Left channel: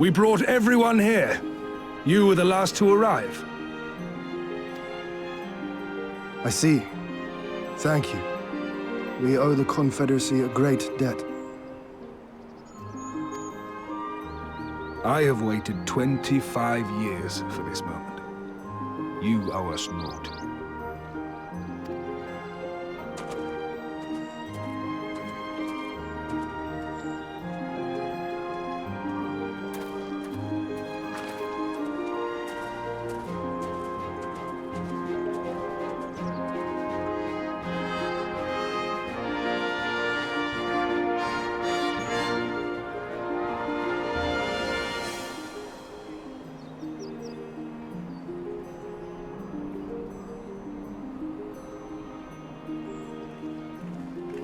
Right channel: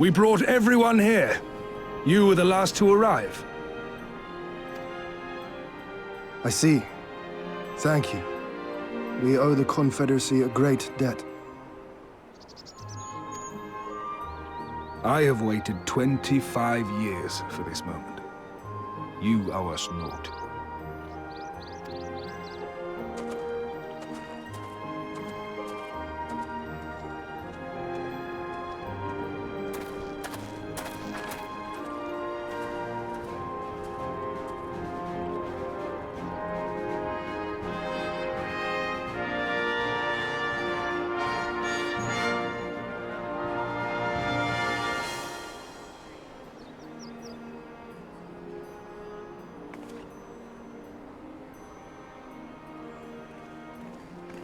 We brought everyone here. You were the last to arrive. I see. Thank you. We owe the Confederacy a great debt. I have waited 25 years for this moment. You owe us naught.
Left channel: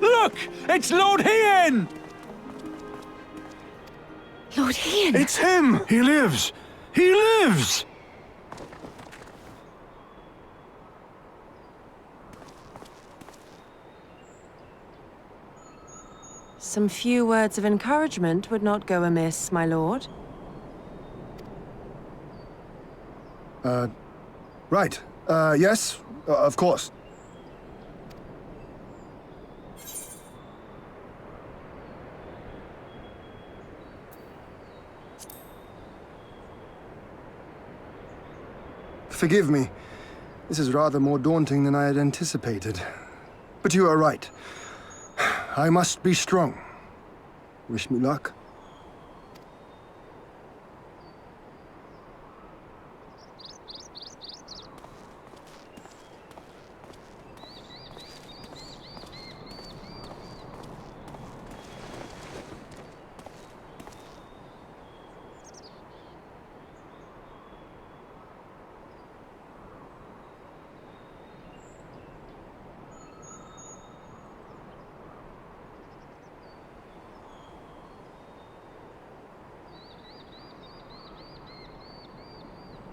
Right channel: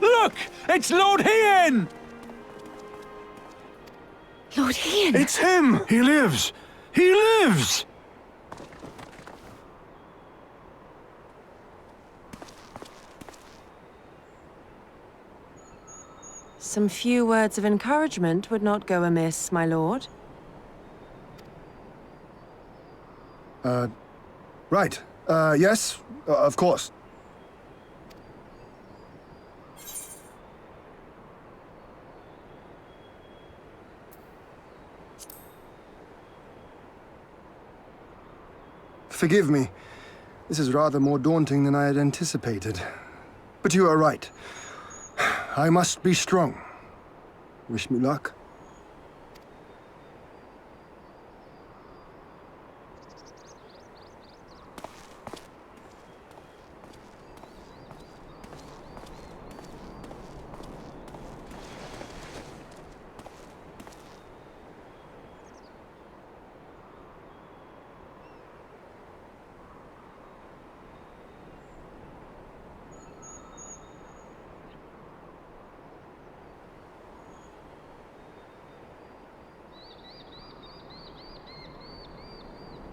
Look! It's Lord Hien! Lord Hien! It's him! He lives! He lives! Some few words of encouragement would not go amiss, my lord. Right. Yes, of course. Forgive me. This is rather more daunting than I had anticipated. But you are right. I must be strong. Wish me luck.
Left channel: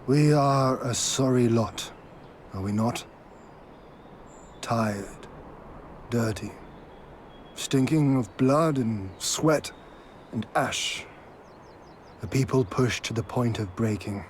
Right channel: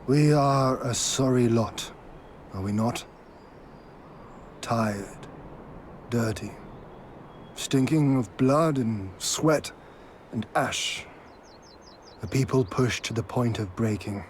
We are a sorry lot, are we not? Tired, dirty, stinking of blood and sweat and ash. A people pushed to the point of breaking.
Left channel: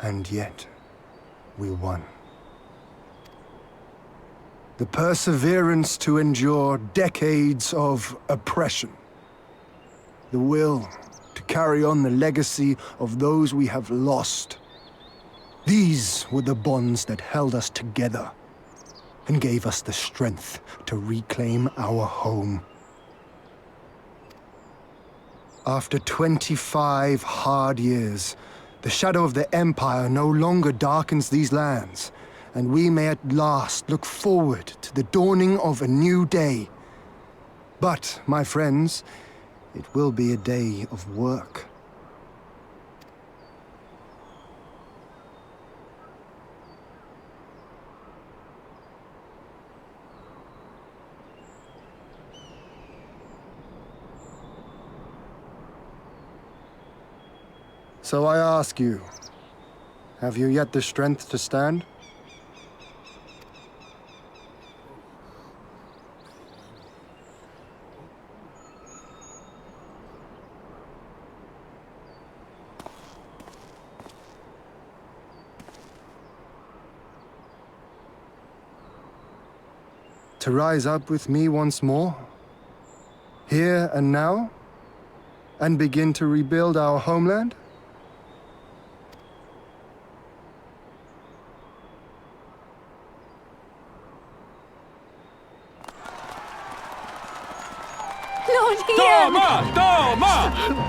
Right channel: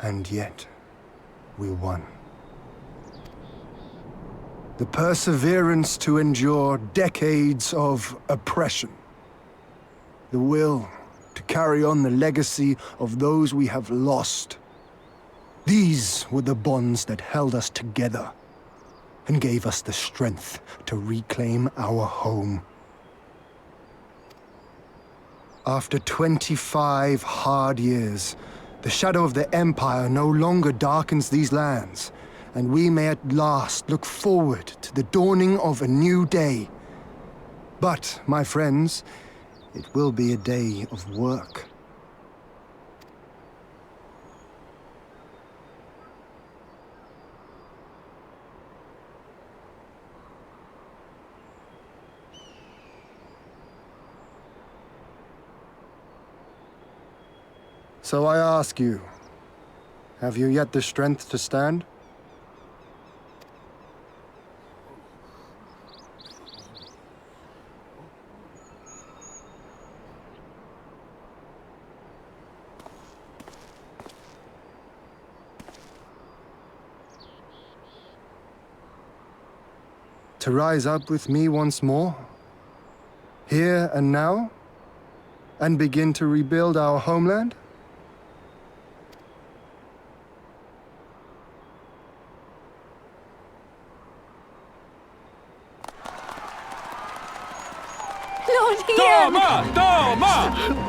And yet, we won. The perseverance to endure decades of oppression. The will to carry on the legacy of those we have lost. These were the bonds that held us together and gave us the strength to reclaim our home. After 25 hard years, the shadow of the Empire no longer darkens these lands, and we may at last look forward to the dawning of a new day. But, my friends, it will be a day of work. So I ask you, have you yet the strength to stand? To rise up with me once more? Here and now? And begin to rebuild our homeland? Lord Ian! Doma! Doma!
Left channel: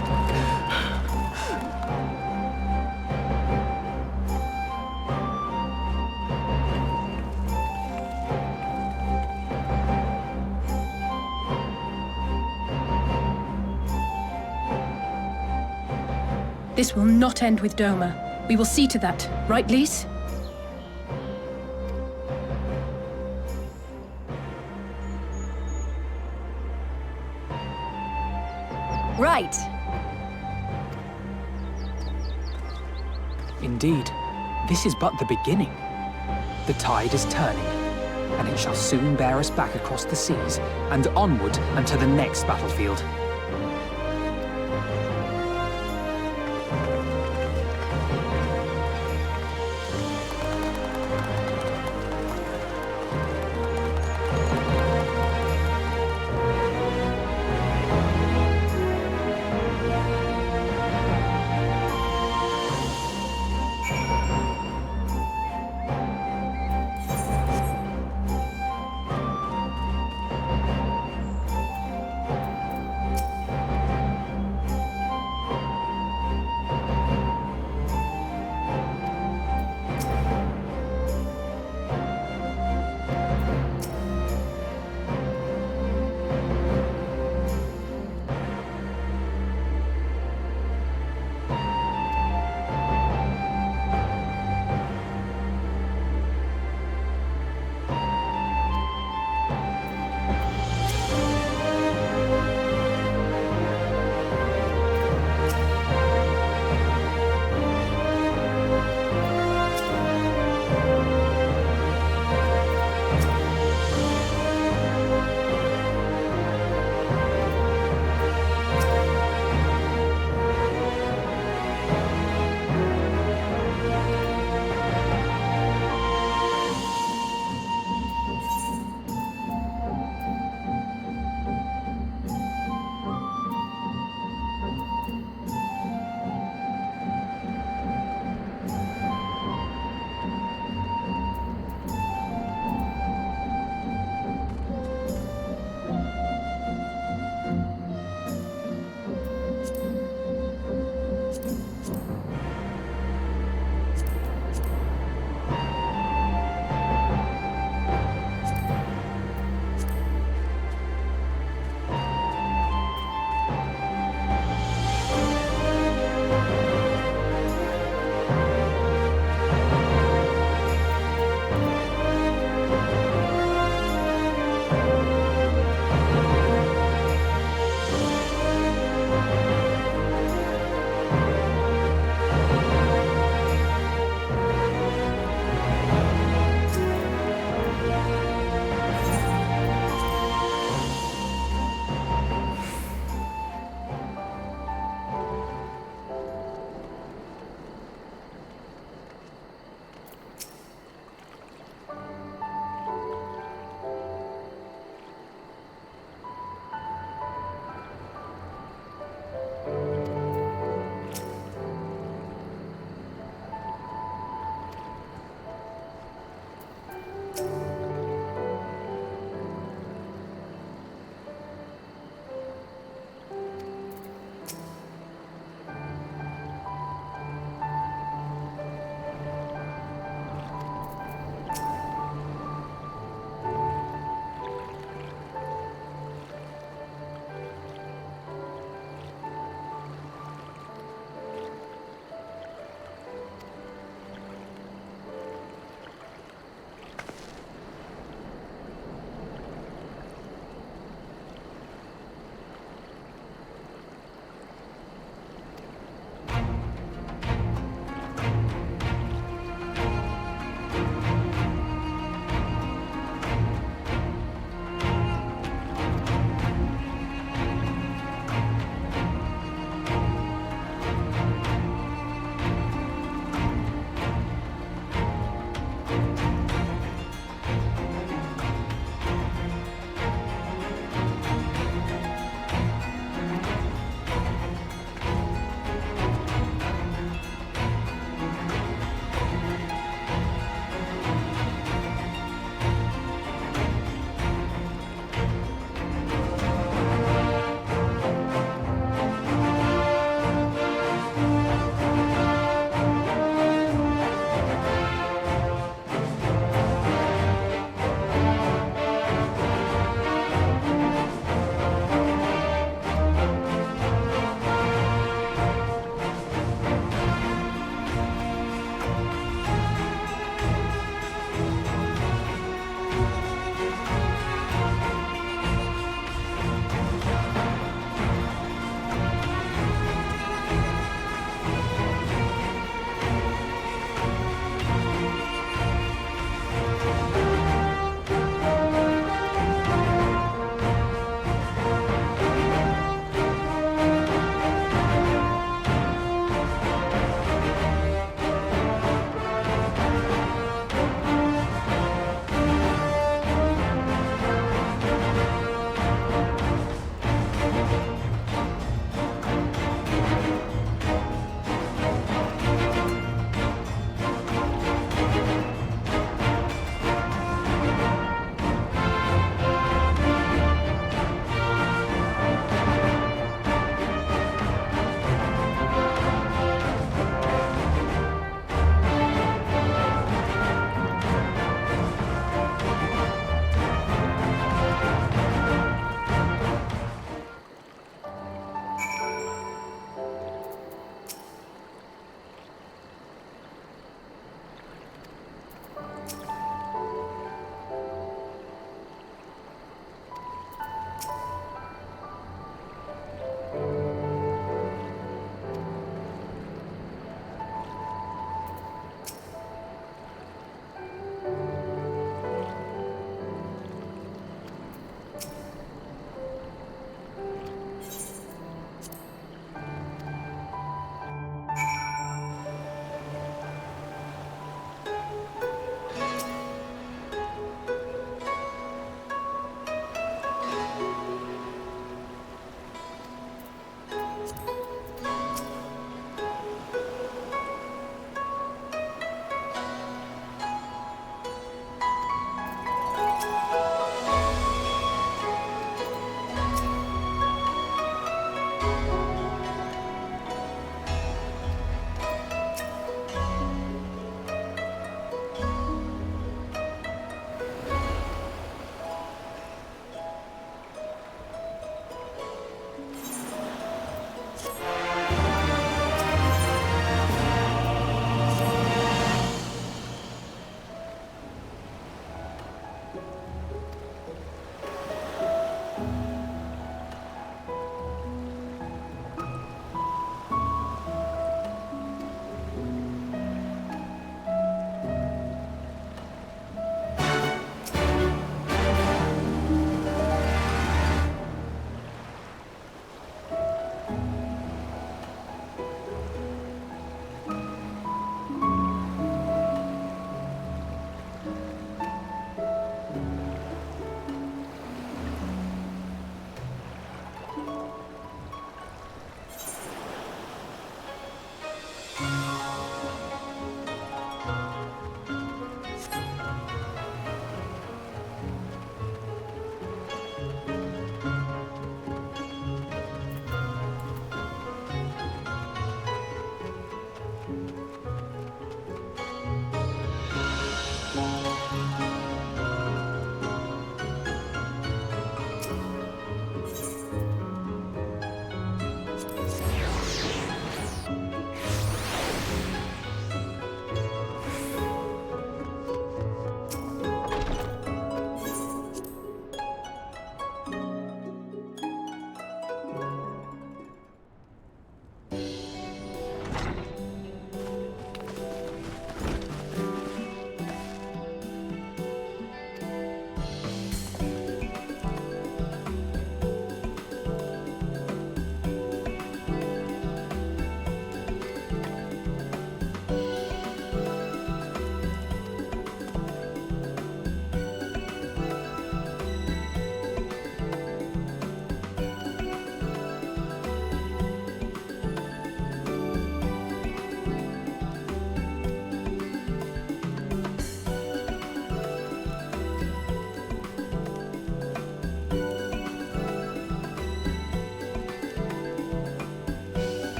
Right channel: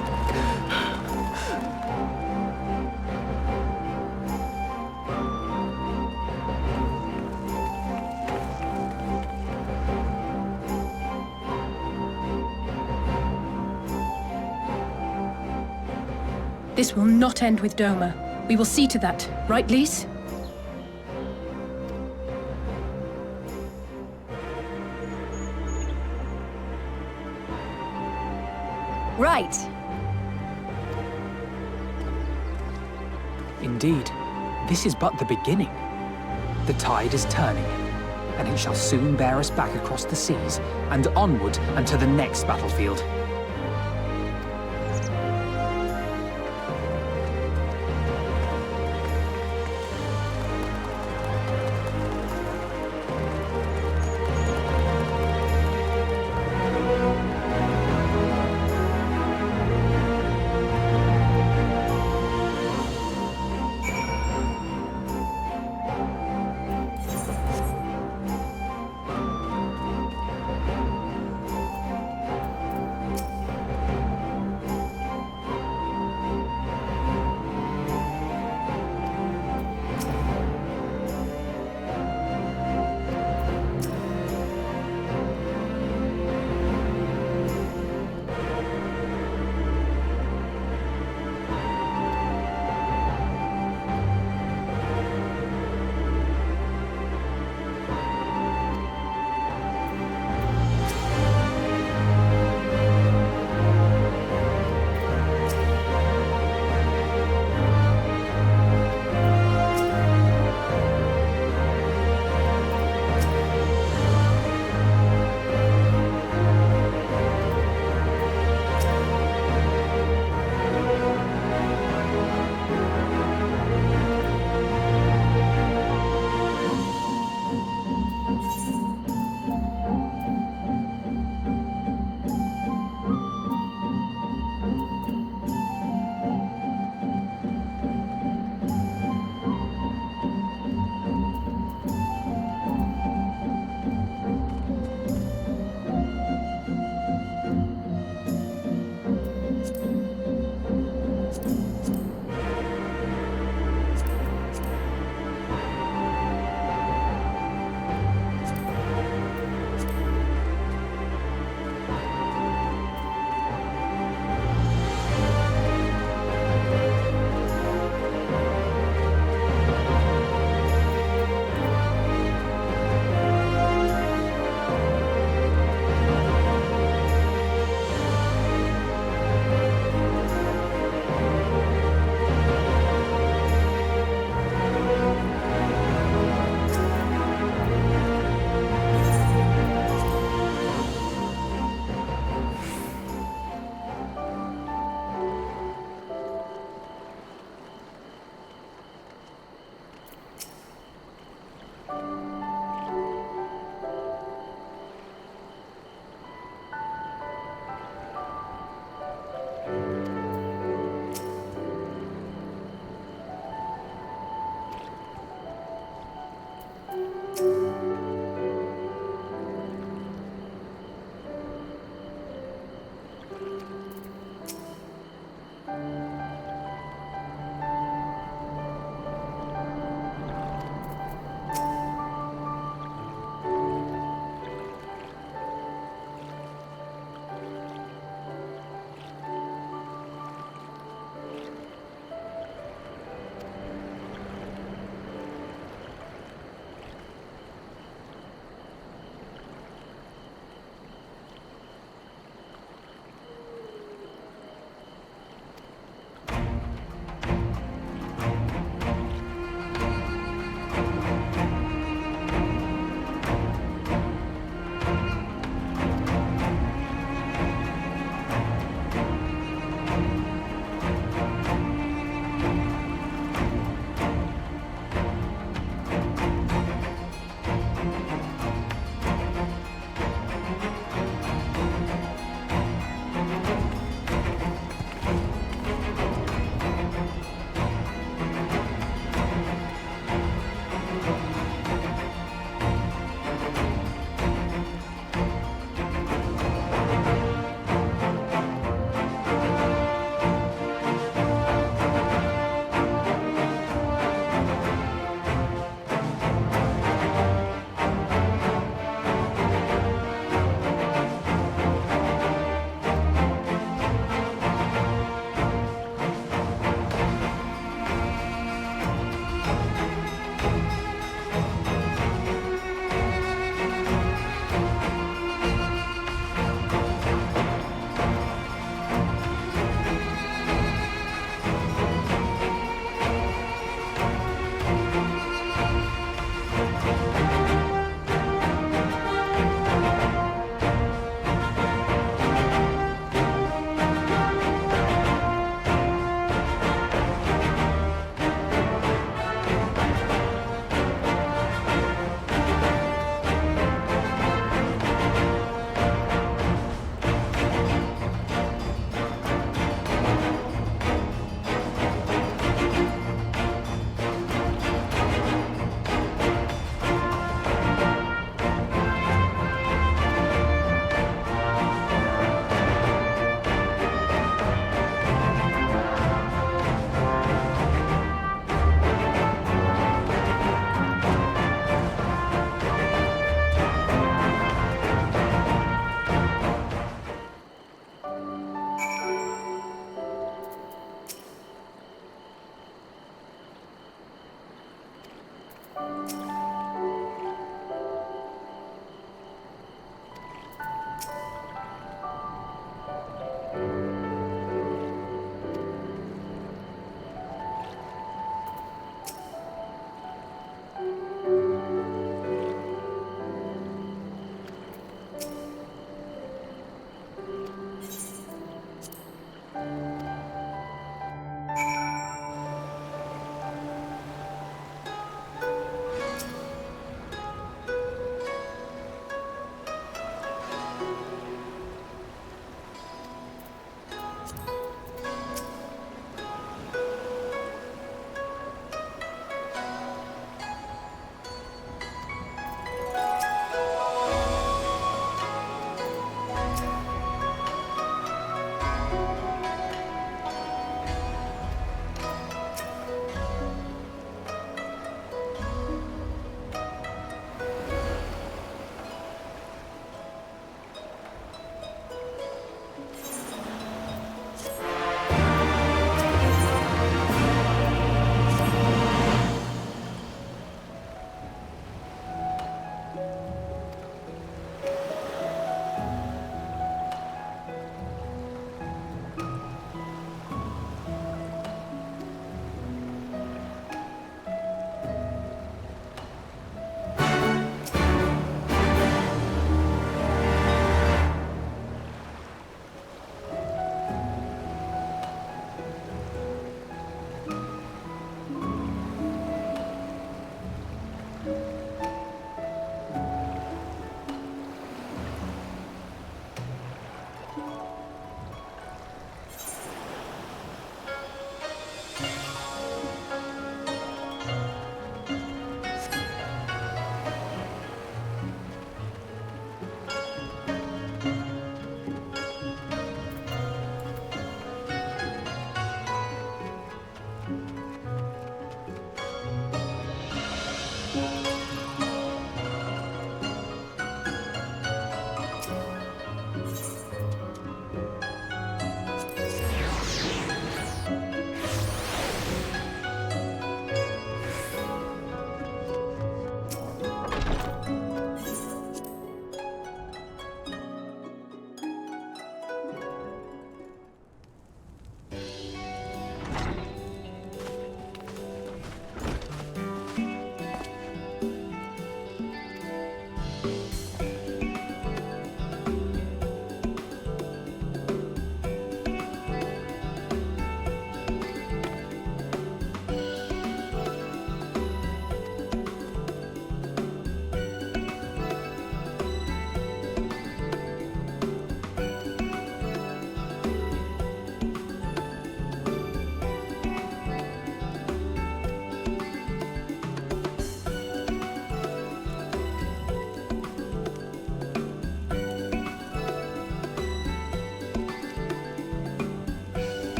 This will not end with Doma. We will see to that, right, Lise? Right. Indeed, this is but the beginning. The tide is turning, and it shall soon bear us back across the seas and onward and to the next battlefield.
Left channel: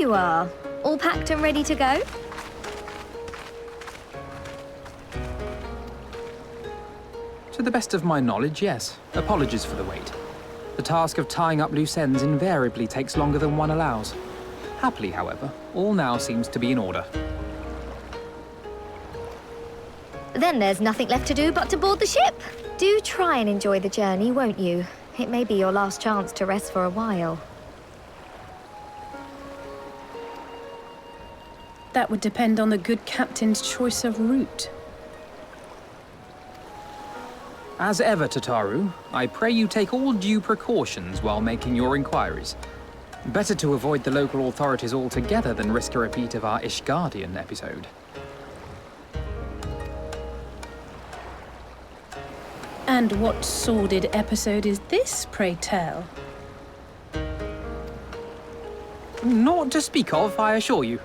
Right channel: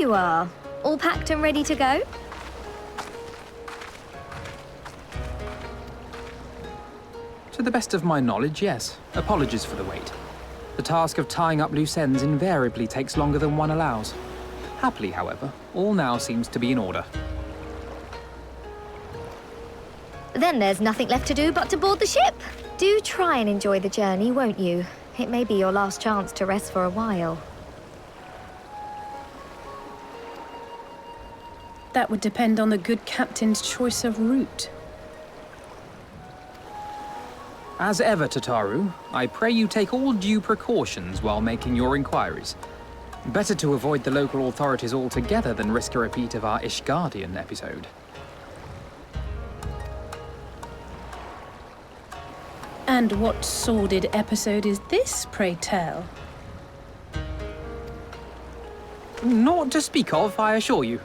you are. All packed and ready to go? To the best of my knowledge, yes. Apologies for the wait. The task of tying up loose ends invariably takes longer than one allows. Happily, however, all now seems to be in order. Then there's nothing left to do but to board the ship. Do try and enjoy the journey, won't you? It may be your last chance to rest for a while. That would depend on the good captain's choice of route. As ever, Tataru, I pray you take all due precautions while making your inquiries. Better to avoid the local authorities altogether than risk a repeat of our Ishgardian episode. And what sordid episode is this, pray tell? Naught to speak of, I assure you.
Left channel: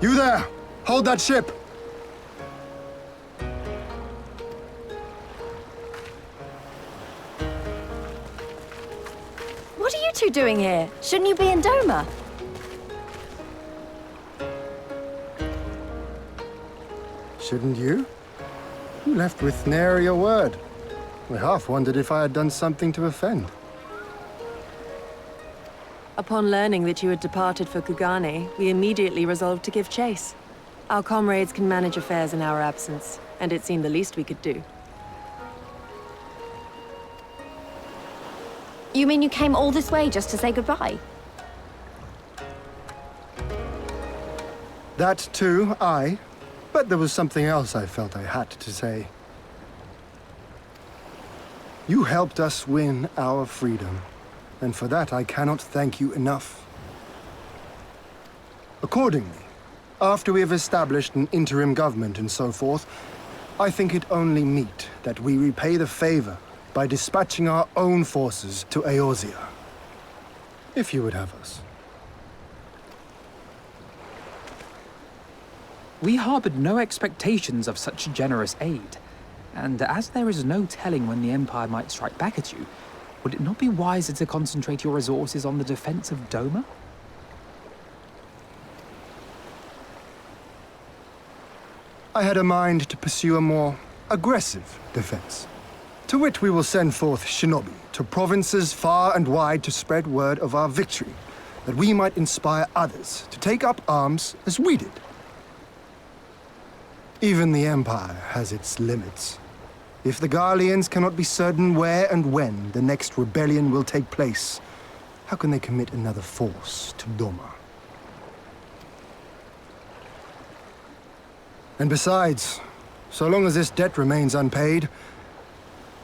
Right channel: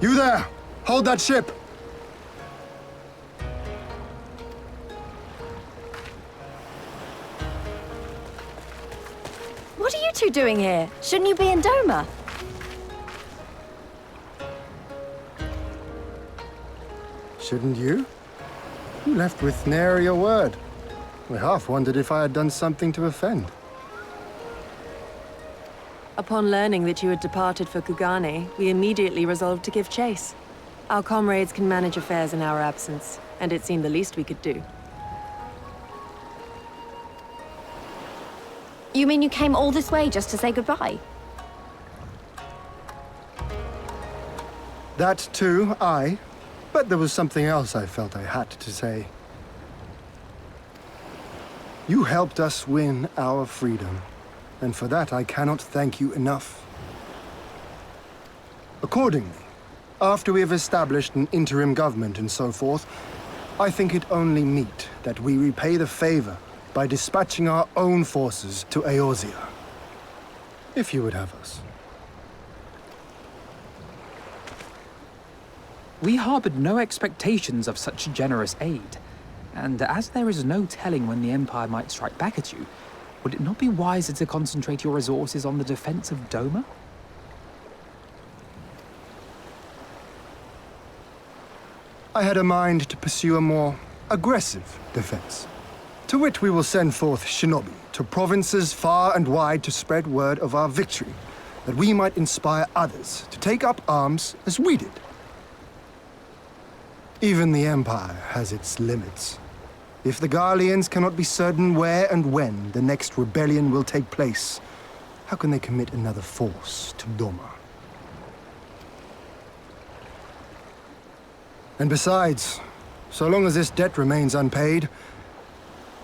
You there! Hold that ship! What are you two doing here? Shouldn't you be in Doma? Shouldn't you? You left with nary a word. I half wondered if I had done something to offend. Upon learning that you had departed for Kugane, we immediately resolved to give chase. Our comrades can manage affairs in our absence, and it seemed the least we could do. You mean you came all this way just to say goodbye? That too, aye. But there was something else I felt I had to say. You helped us win our freedom, and for that I cannot thank you enough. Accordingly, after we have established an interim government and so forth, I think it only meet that we repay the favor by dispatching our own forces to Eorzea. If you would have us. We harbored no expectations of such generous aid, and as there is no telling when the Empire might strike back at you, would it not be wiser to concentrate your resources on the defense of Doma? I had a mind to pursue a more aggressive defense, to which we will send forth shinobi to provinces far and wide to spread word of our victory, that we might inspire others to take up arms as we did. Even the Empire has its limits. If the Garleans cannot be certain where and when the next rebellion will take place, how can they commit another force to Doma? And besides, so long as this debt remains unpaid,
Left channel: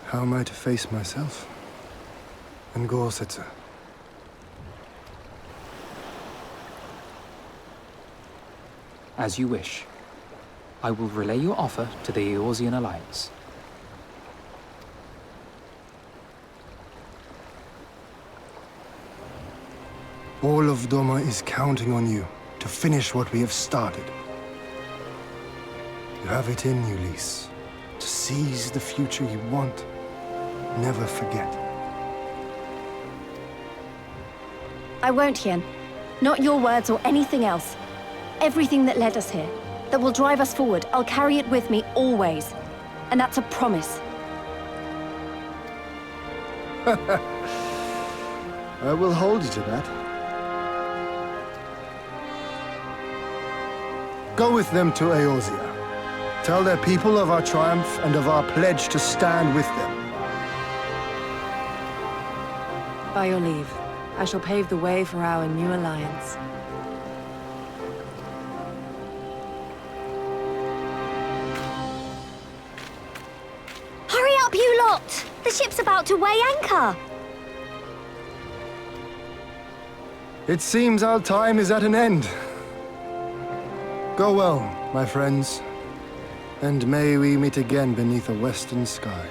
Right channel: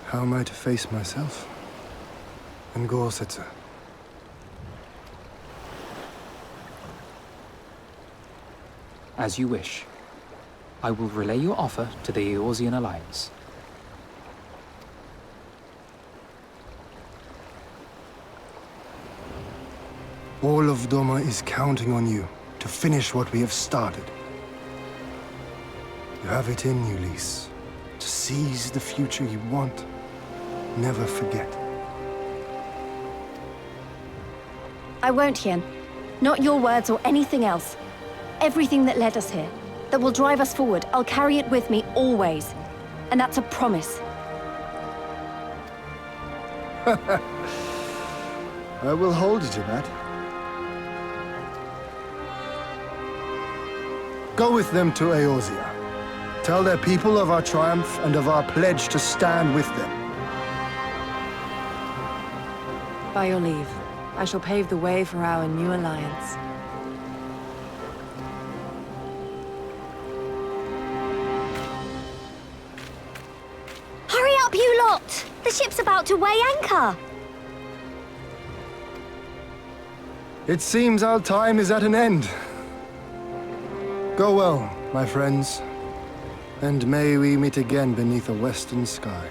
how am I to face myself and Gorsetzer? As you wish. I will relay your offer to the Eorzean Alliance. All of Doma is counting on you to finish what we have started. You have it in you, Lys, to seize the future you want. Never forget. I won't, Hien. Not your words or anything else. Everything that led us here, that will drive us forward, I'll carry it with me always. And that's a promise. I will hold you to that. Go with them to Eorzea. Tell their people of our triumph and of our pledge to stand with them. By your leave, I shall pave the way for our new alliance. Hurry up, you lot! The ship's about to weigh anchor! It seems our time is at an end. Go well, my friends, and may we meet again beneath a western sky.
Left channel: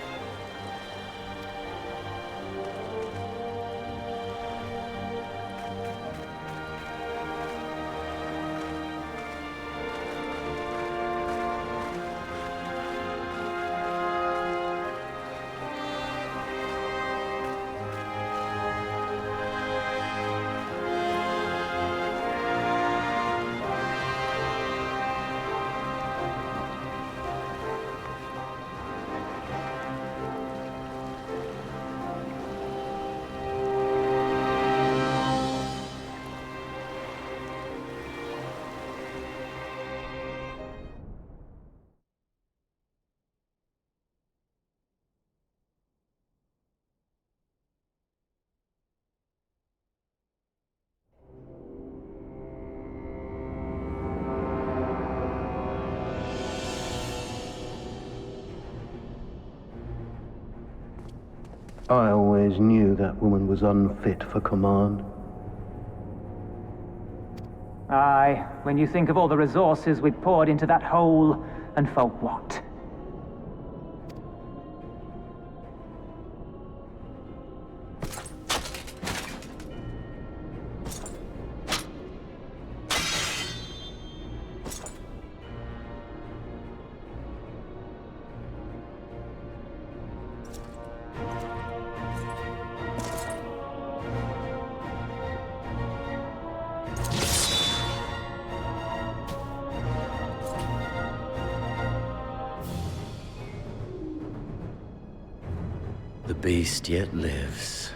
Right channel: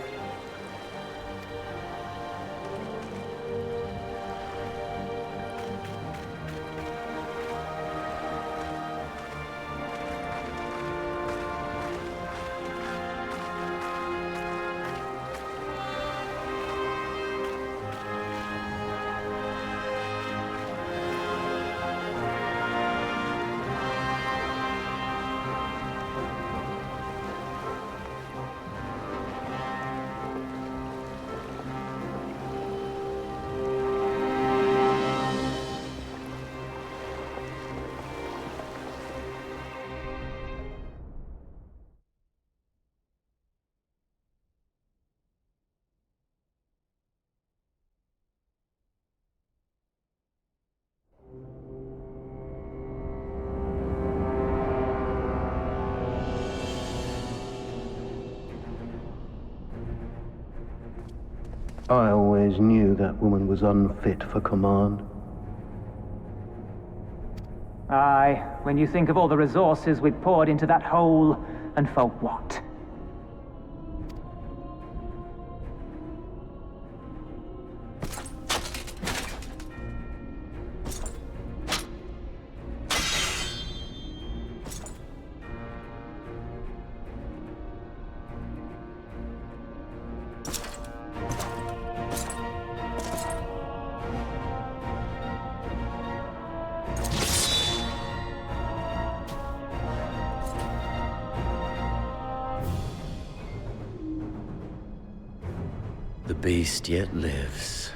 I always knew that woman was unfit for command. Aye, when you think of all the resources we've poured into that hole, and for what? The beast yet lives.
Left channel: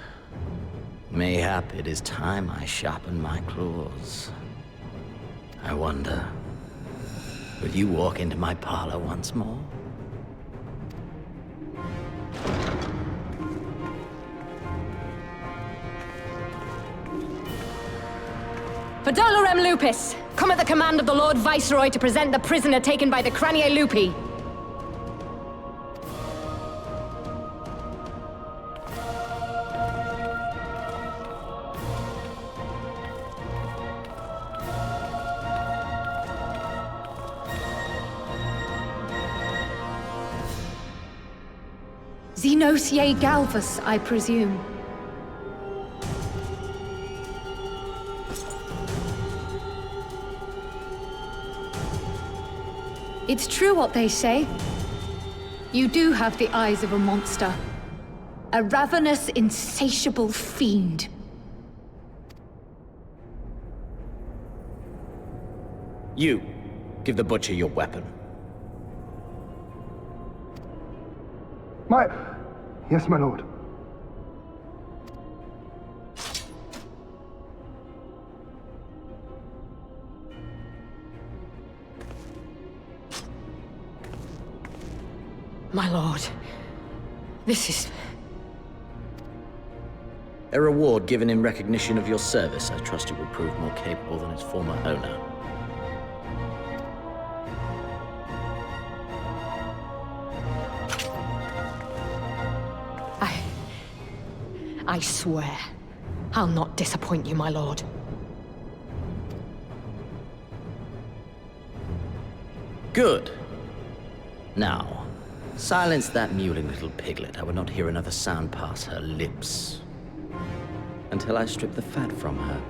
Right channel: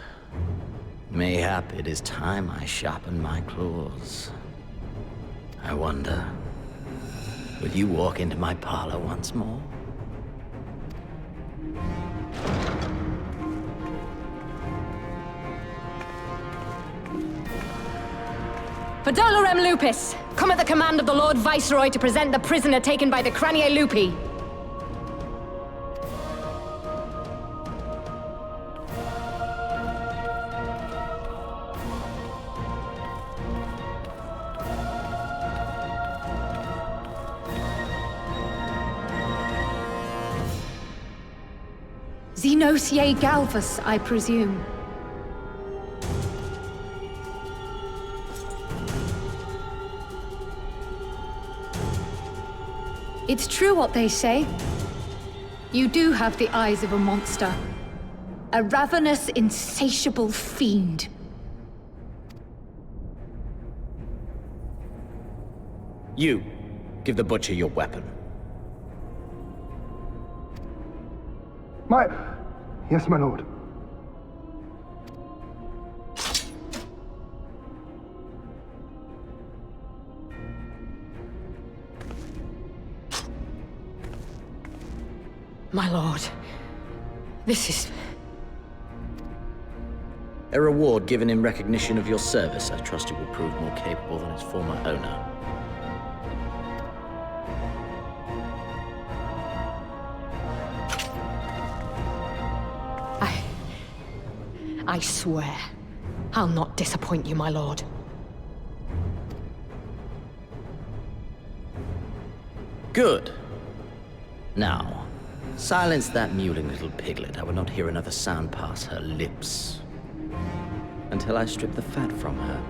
Mayhap it is time I sharpen my claws. I wonder, will you walk into my parlor once more? Fordola rem lupus! Come at the command of the Lord Viceroy to present the prisoner taken by the Cranie Lupi. Xenosier Galvus, I presume. It's true what they say. You do have the eyes of a monster. A ravenous, insatiable fiend. You, give the butcher your weapon. Yes, my lord. My lord, this is... A reward given in recognition of your service. I trust it will prove more capable than its former owner. I swear, I'll not disappoint you, my lord. Good. Now, silence that mewling little piglet. I will not hear another sound pass her lips until I strip the fat from her.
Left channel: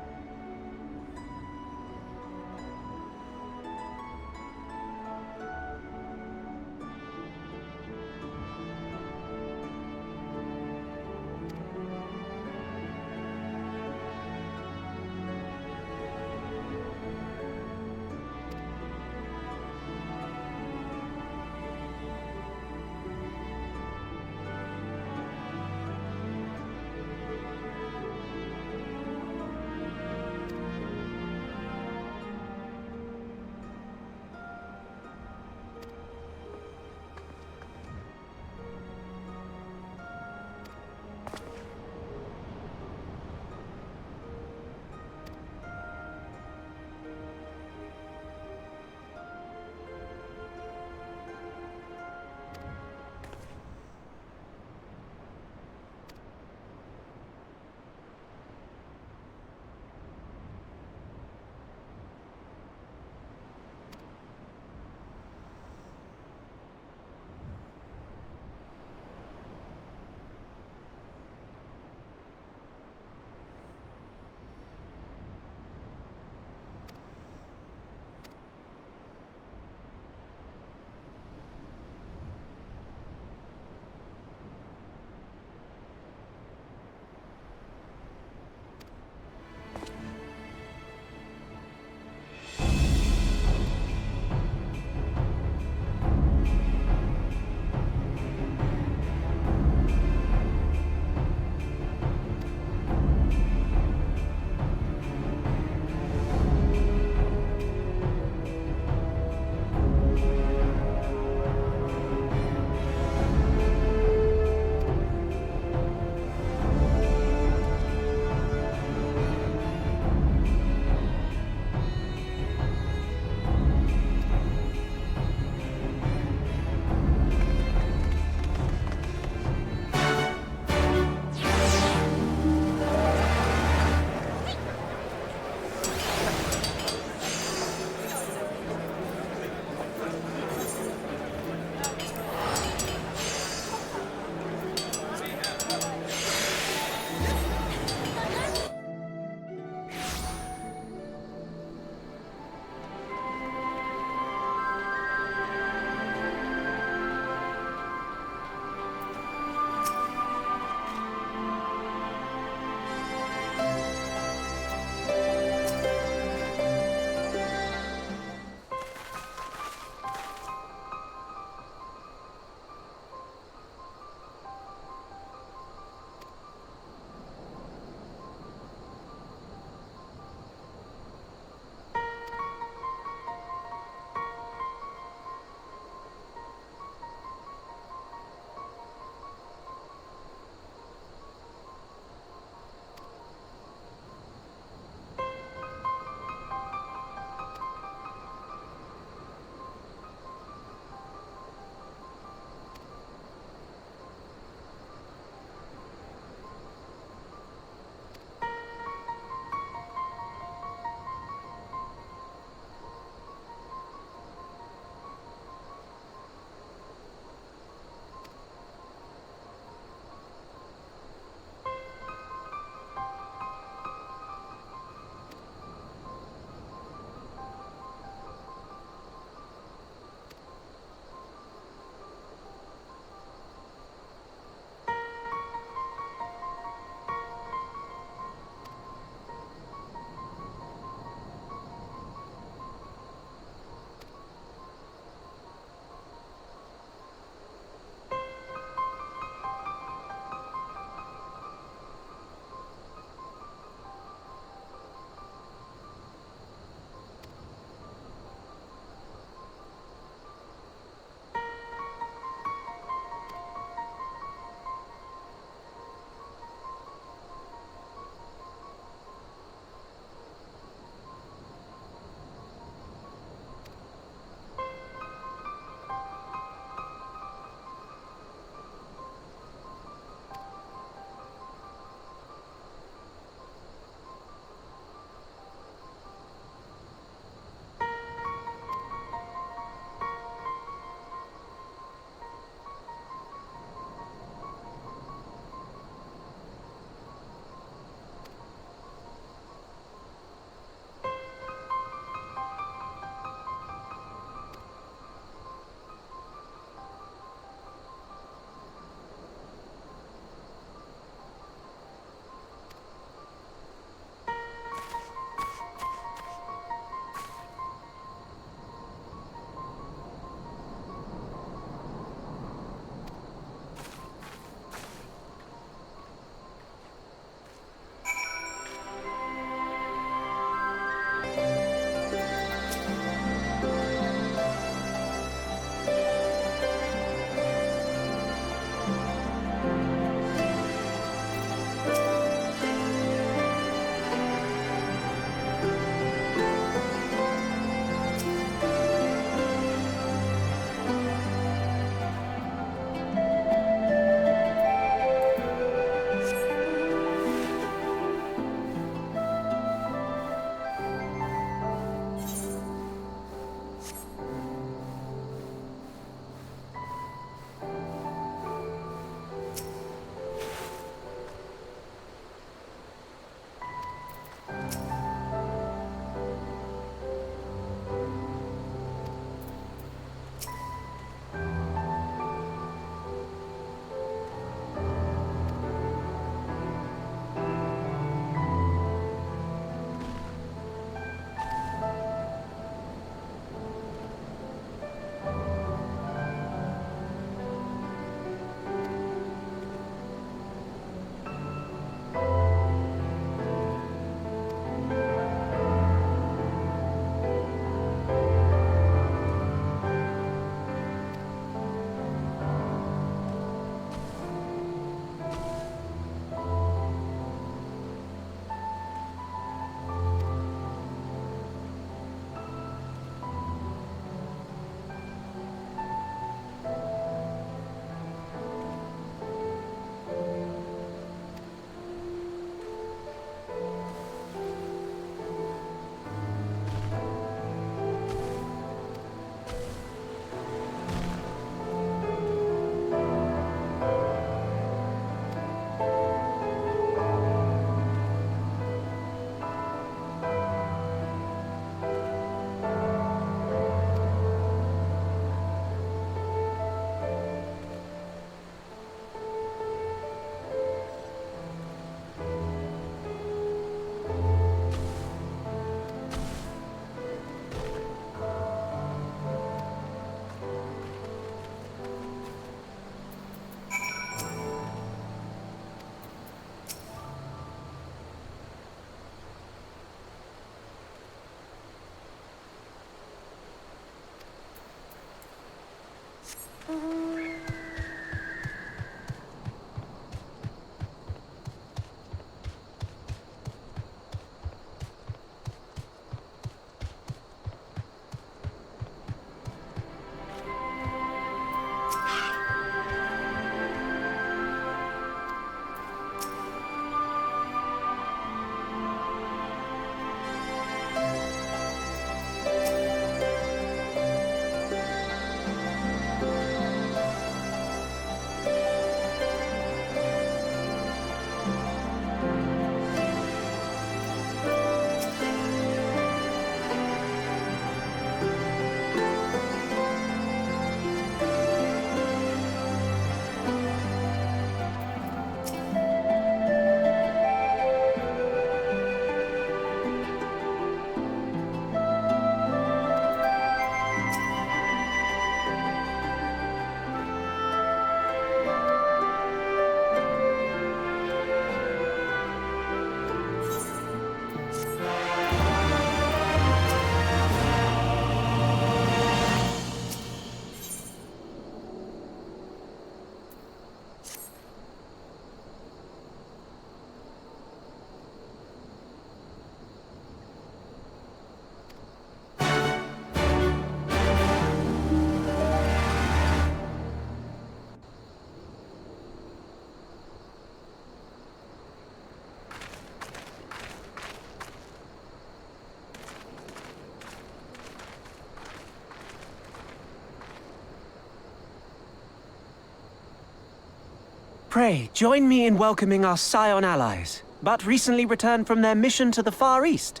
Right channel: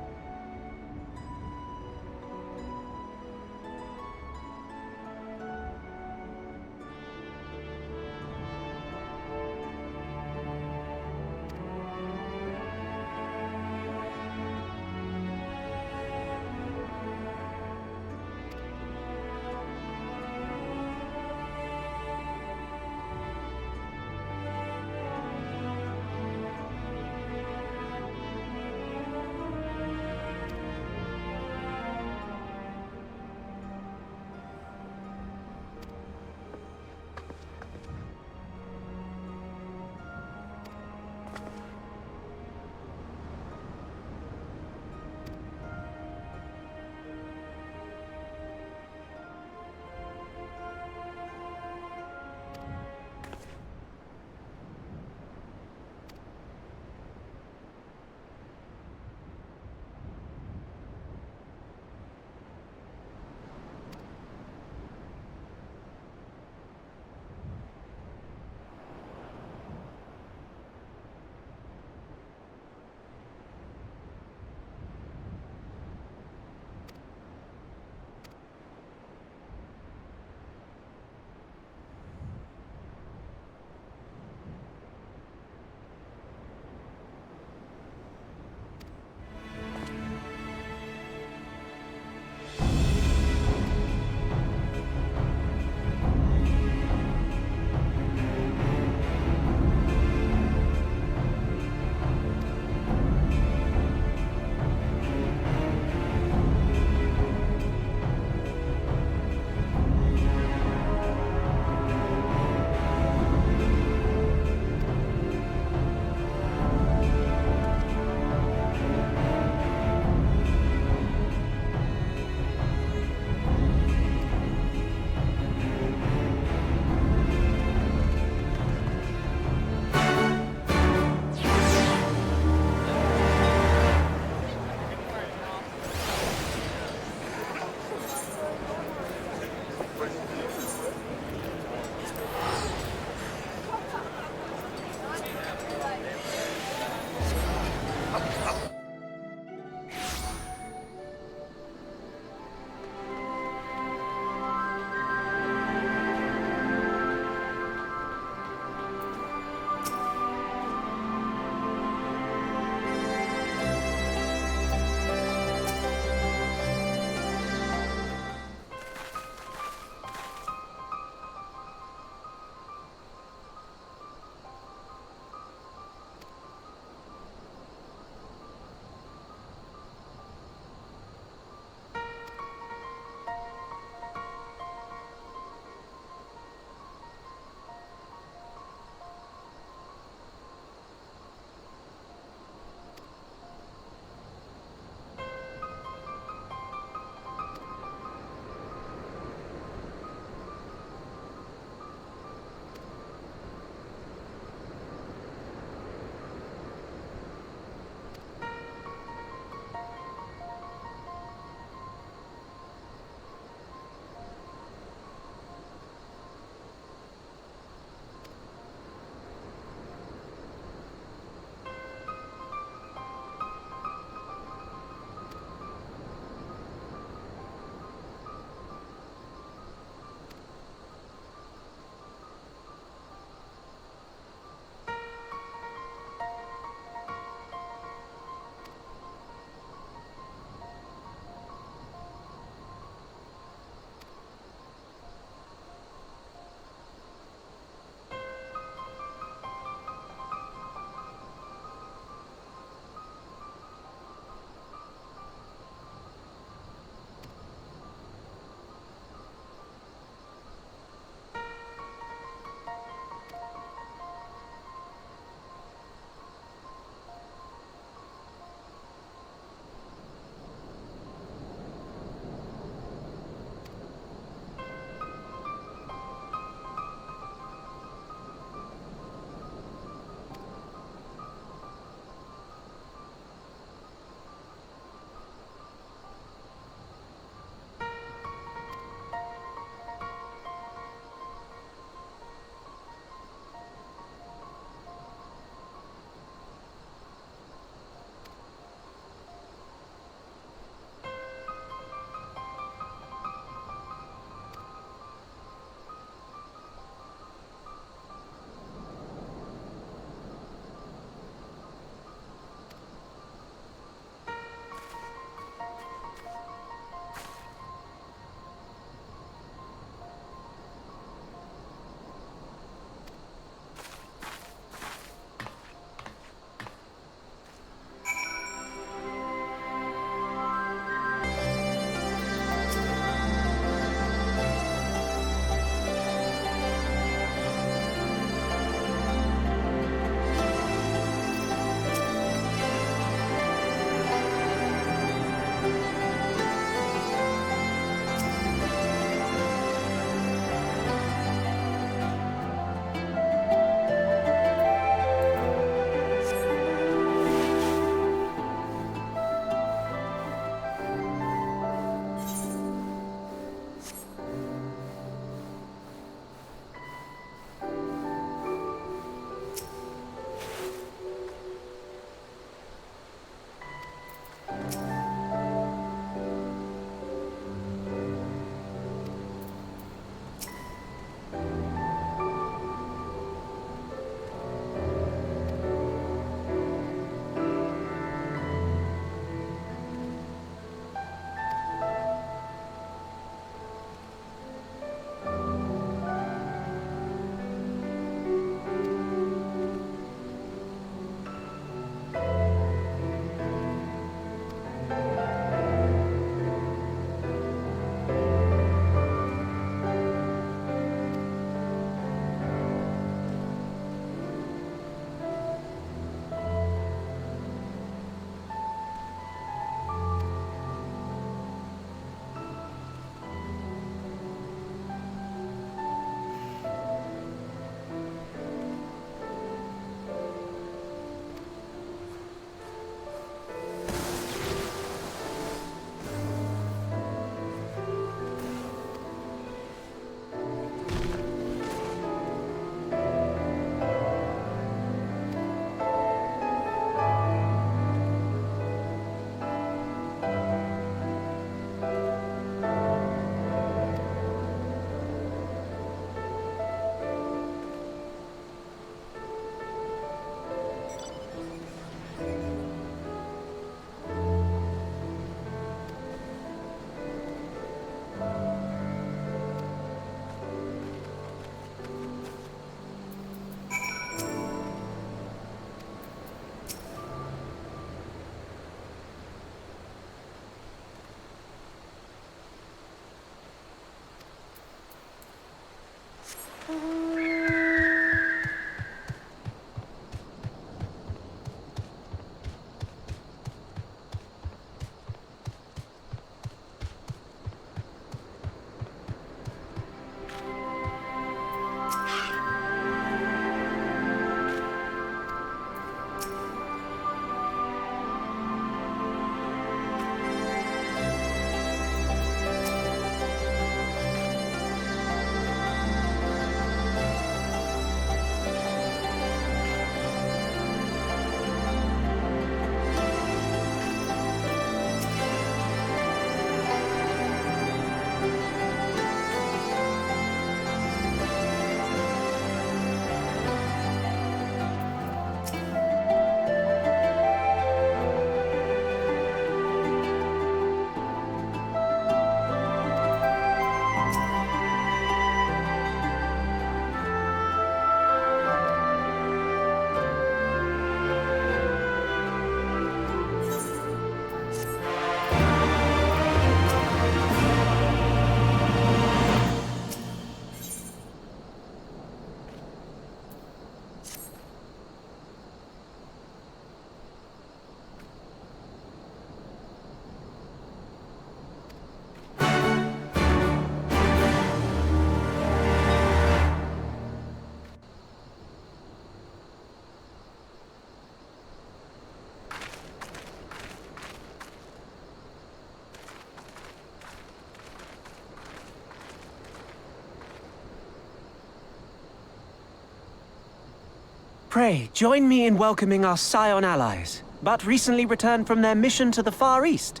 Pray, join me in welcoming our Scion allies, but recently returned from their mission to the Far East.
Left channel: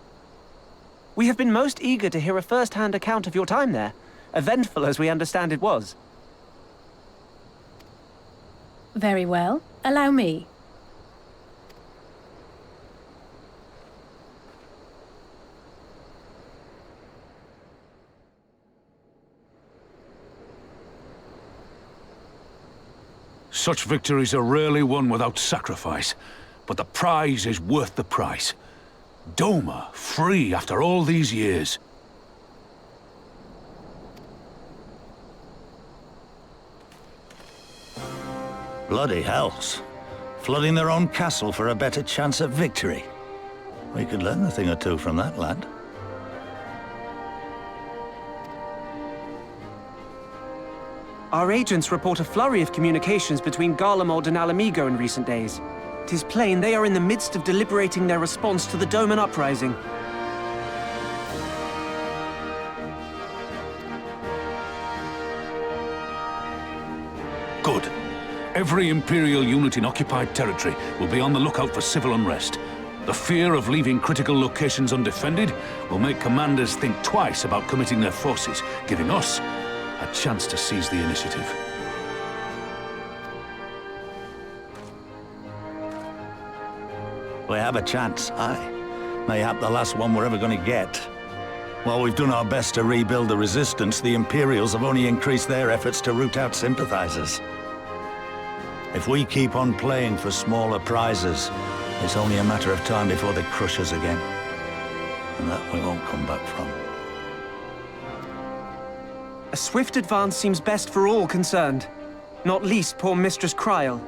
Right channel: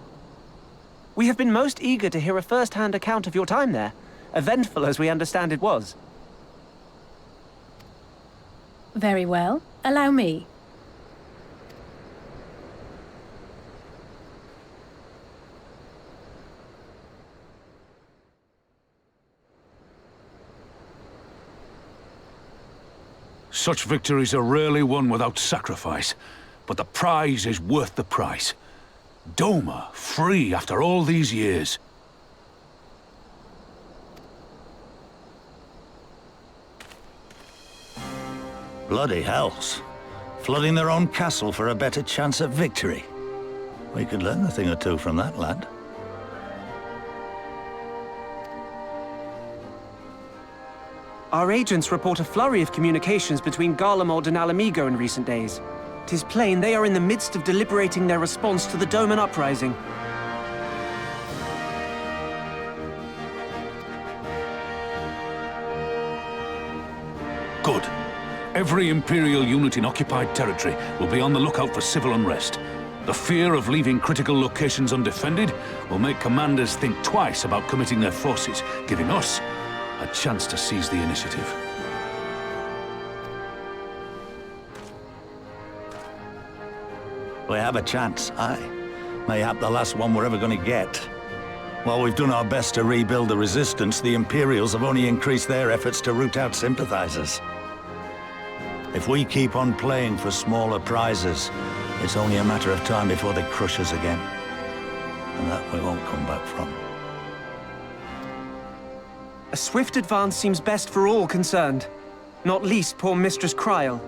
We have been most eager to hear a first-hand account of your time there, eventful as we understand it was. Very well. Allow me. Such victories are rarely won without sacrifice, but the prize is worth the price. Doma, free after all these years. Bloody hells. Flooding their own castle for a better chance at victory. We could learn a thing or two from that lad. Our agents report a flurry of communications between Garlemald and Alamigo in recent days. 'Tis plain they are in the midst of deliberating their response to the Doman uprising. Good. Every Imperial unit in occupied territory will be on the lookout for civil unrest. The fear of leaving critical locations undefended will make commanders think twice about committing their forces, giving us a chance to seize the initiative. We have a chance, aye. Mayhap the last one we're ever going to get. While we've done our best to rebuild the resistance, the Imperials have only increased their efforts to root out sympathizers. If we keep on playing for smaller prizes, it's only a matter of time before they crush us again. And that we won't come back from. A swift advance seems best for all concerned, not least poor Mistress Kryl.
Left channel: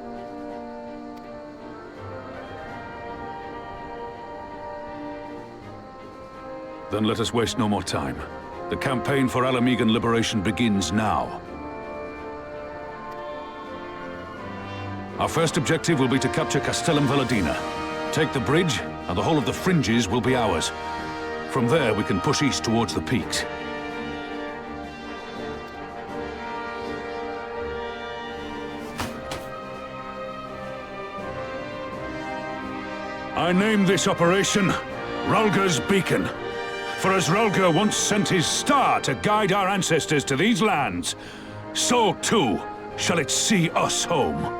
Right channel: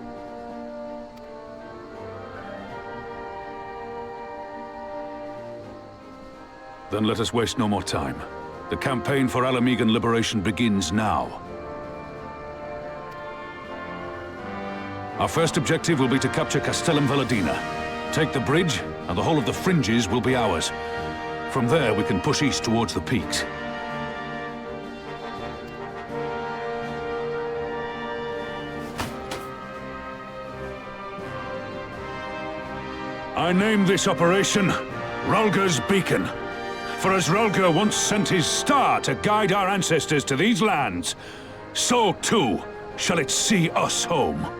Then let us waste no more time. The campaign for Alamigan liberation begins now. Our first objective will be to capture Castellum Valadina. Take the bridge, and the whole of the fringes will be ours. From there, we can push east towards the peaks. I name this operation Rhalgr's Beacon. For as Rhalgr once sent his star to guide our ancestors to these lands, so too shall it see us home.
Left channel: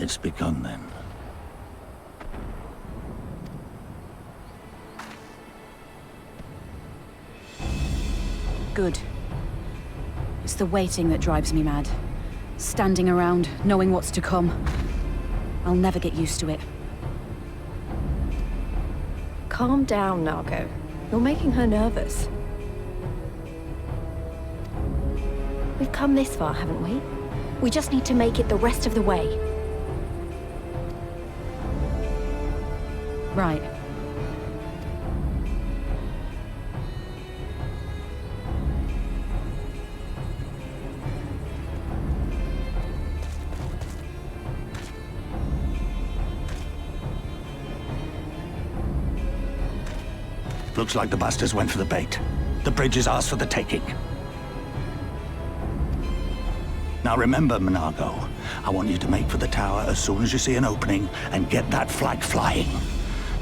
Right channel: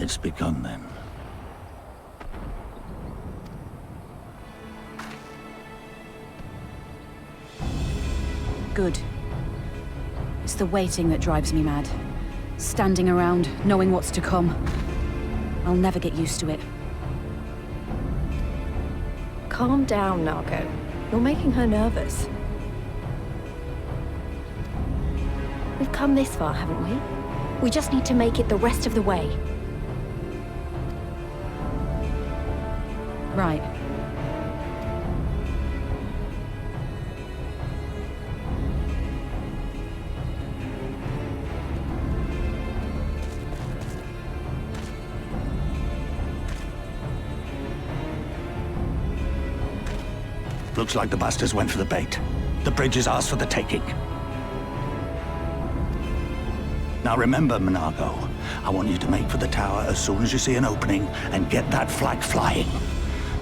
It's begun then. Good. It's the waiting that drives me mad. Standing around, knowing what's to come. I'll never get used to it. Calm down, Nago. You're making her nervous. We've come this far, haven't we? We just need to make it the rest of the way. Right. Looks like the bastards went for the bait. The bridge is ours for the taking. Now remember, Menago, I want you to make for the tower as soon as you see an opening and get that flag flying.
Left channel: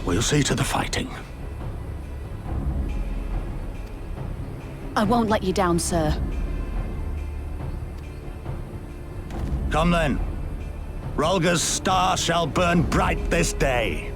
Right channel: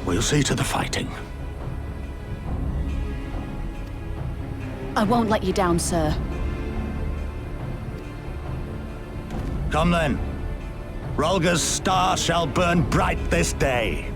We'll see to the fighting. I won't let you down, sir. Come then. Rolga's star shall burn bright this day.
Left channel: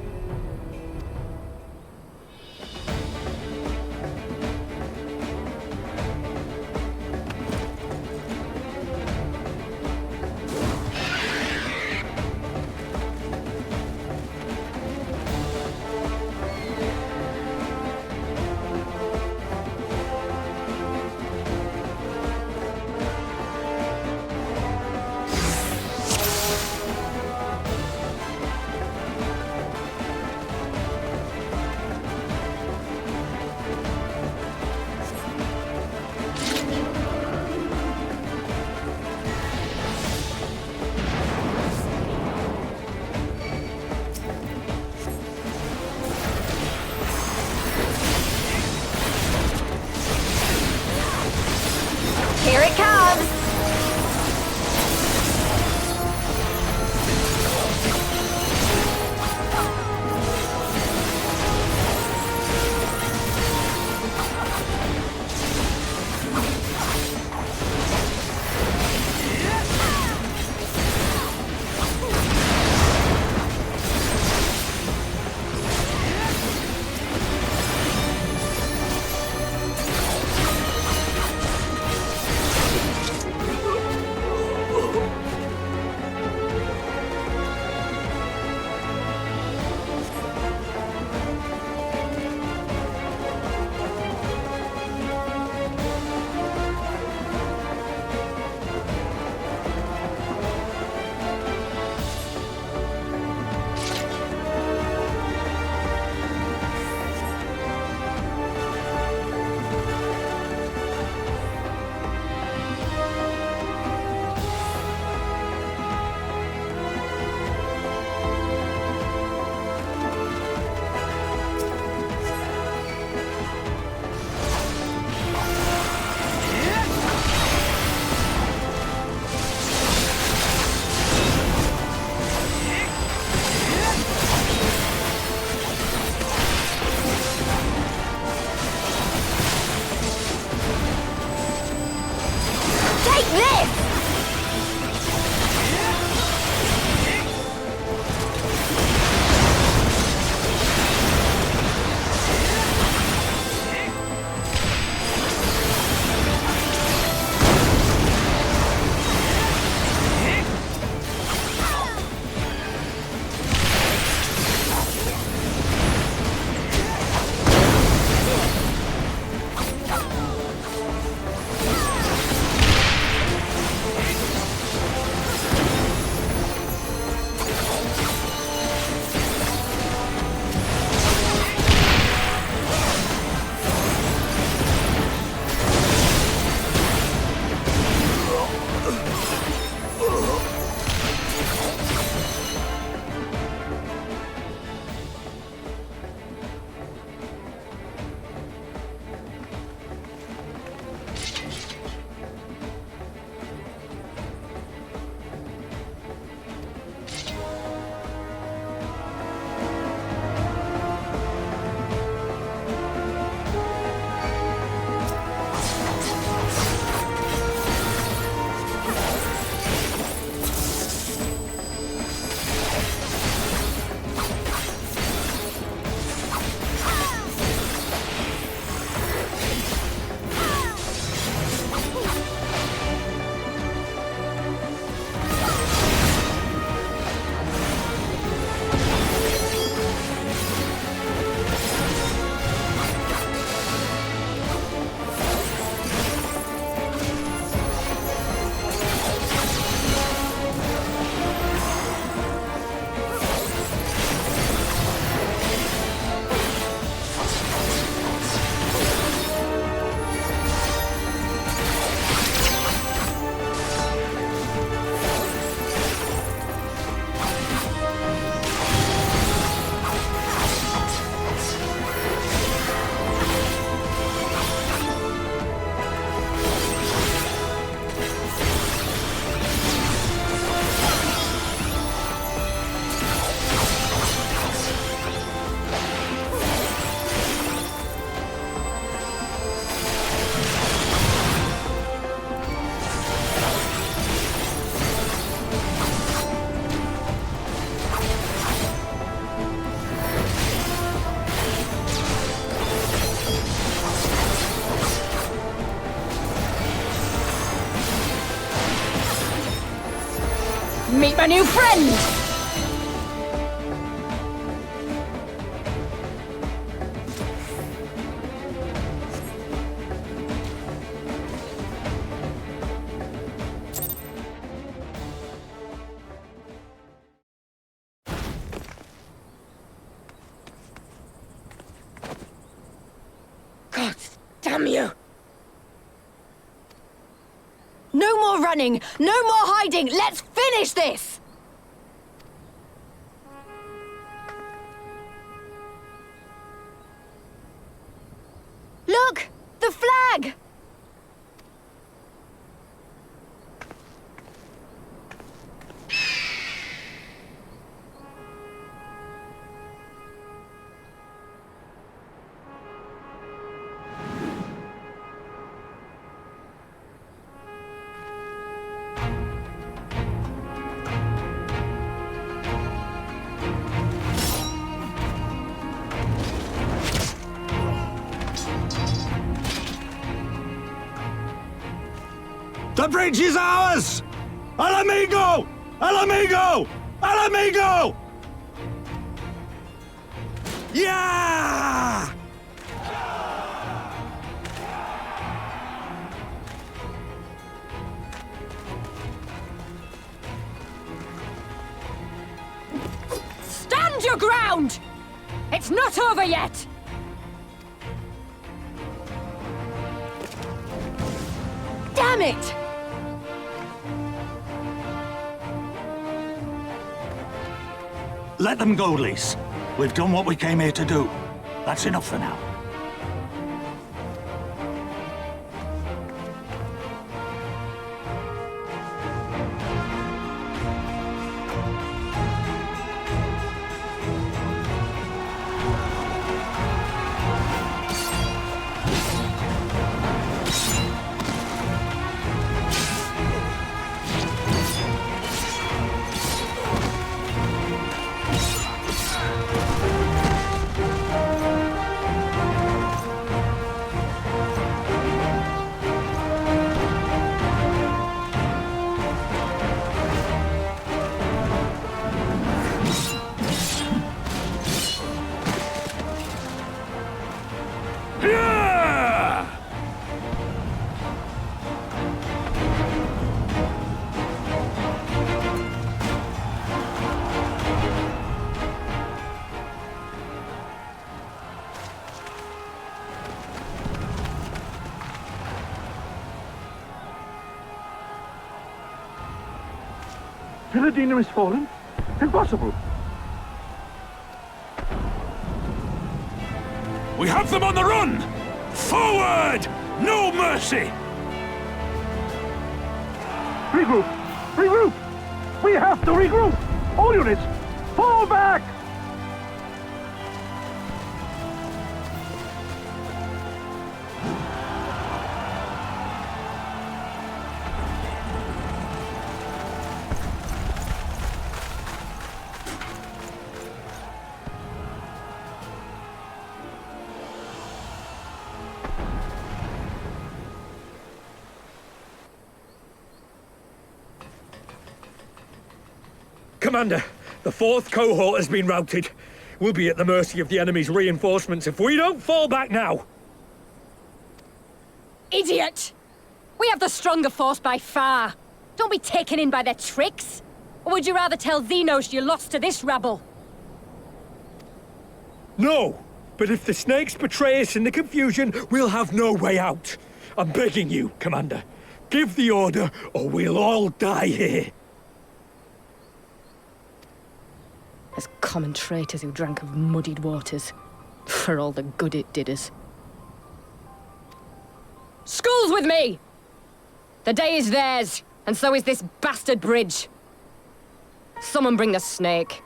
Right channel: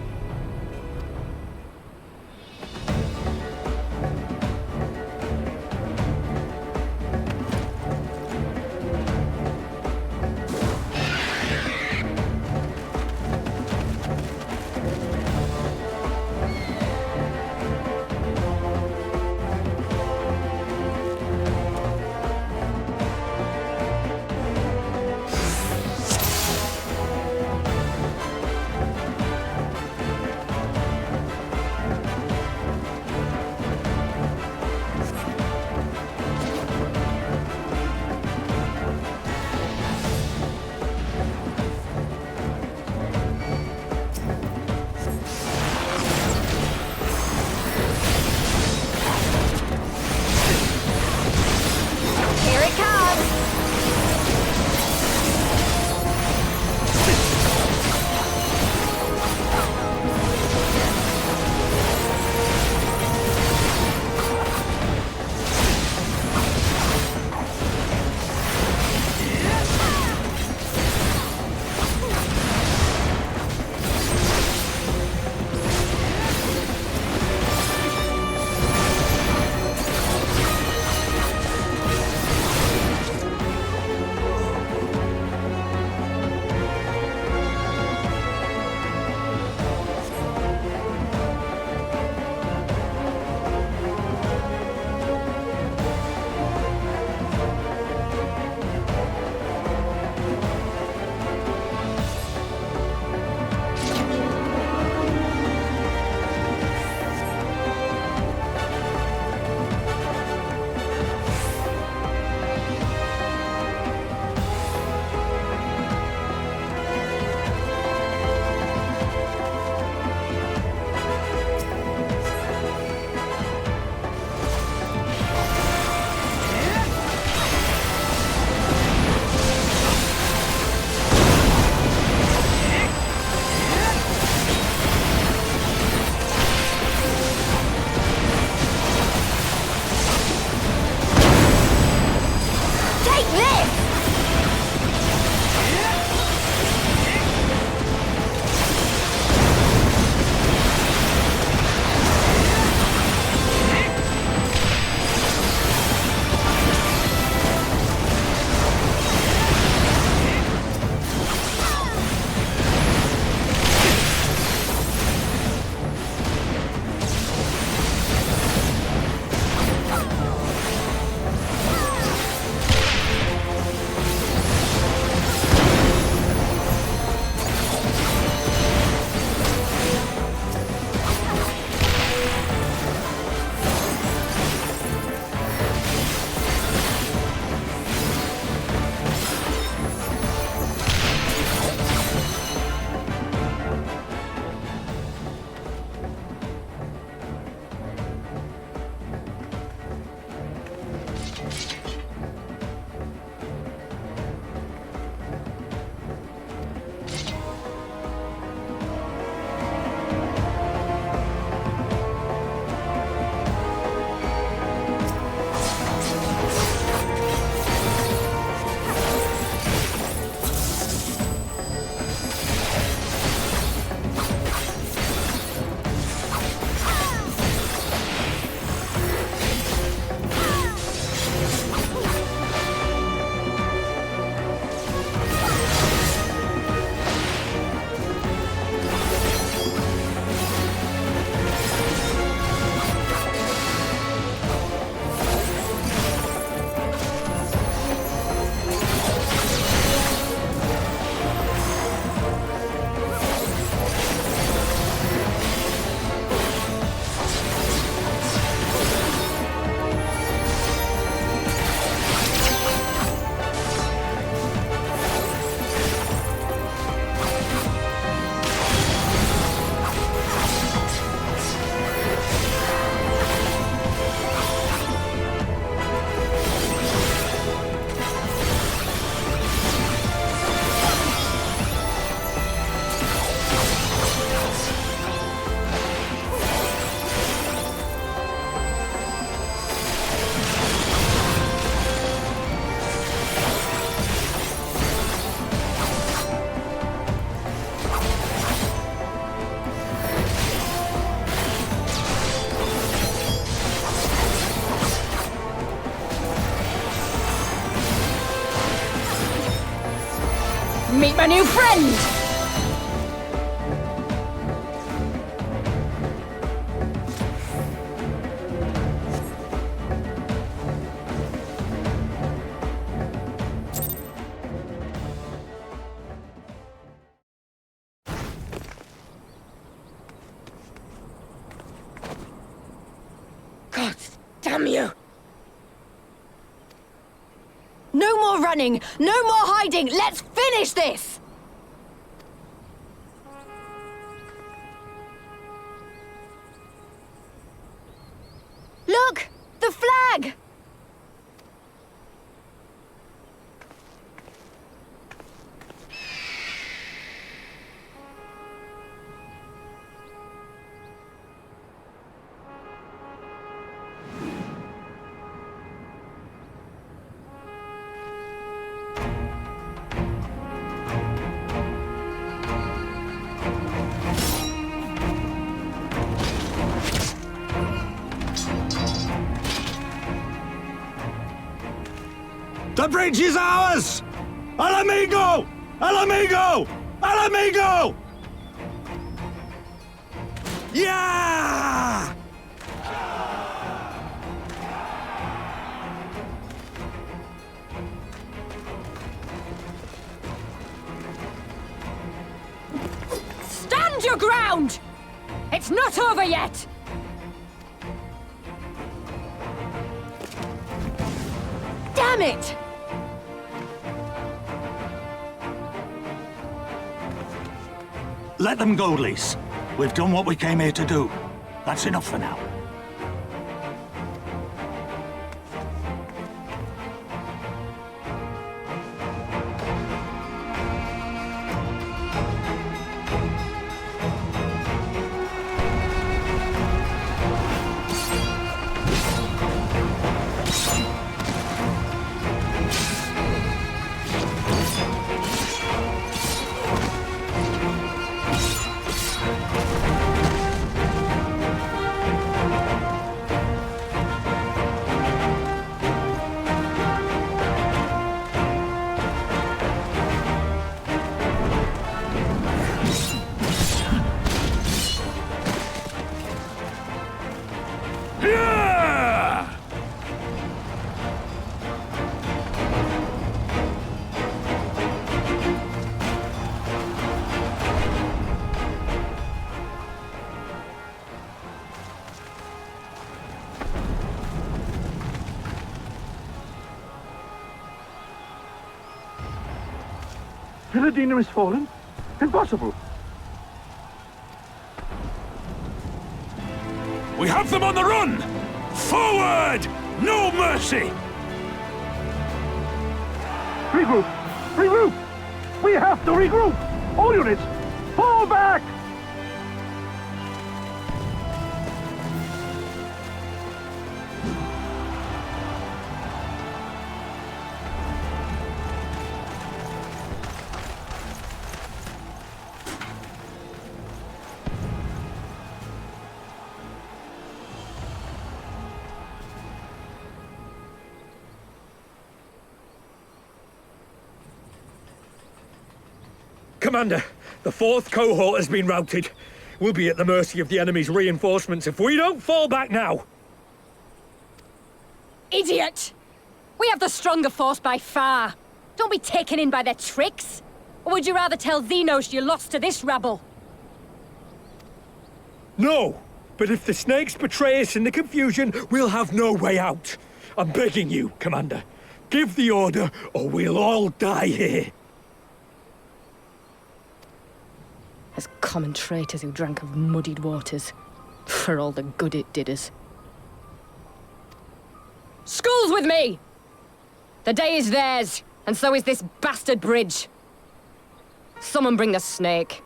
Meet my new friend! God damn you! No more running! No more hiding! Let's finish this! Look! The flag! The bridge is ours! Al amigo! Al amigo! Al amigo! Yeah! Stand your ground! It's not over yet! Damn it! Let them go, Lise. We've done what we came here to do. That's enough for now. Villadina is fallen? Impossible! We have them on the run! Forward! No mercy! Regroup! Regroup! We have to regroup! All units, fall back! Commander, the 4th cohort has been routed. We'll be at the mercy of the enemy's reinforcements if we don't fall back now. Idiot! We have the stronger force by far. Don't be taken in by their tricks. Or would you rather tell Xenos you lost to this rabble? No, but if the snakes betray us in the confusion, we'll have no way out. I'm begging you, Commander. Give the order, or we'll all die here. As common traitors who drank of muddied waters, for all the good it did us. Skulls with me! The day is theirs, and so is this bastard bridge. Someone bring the snake.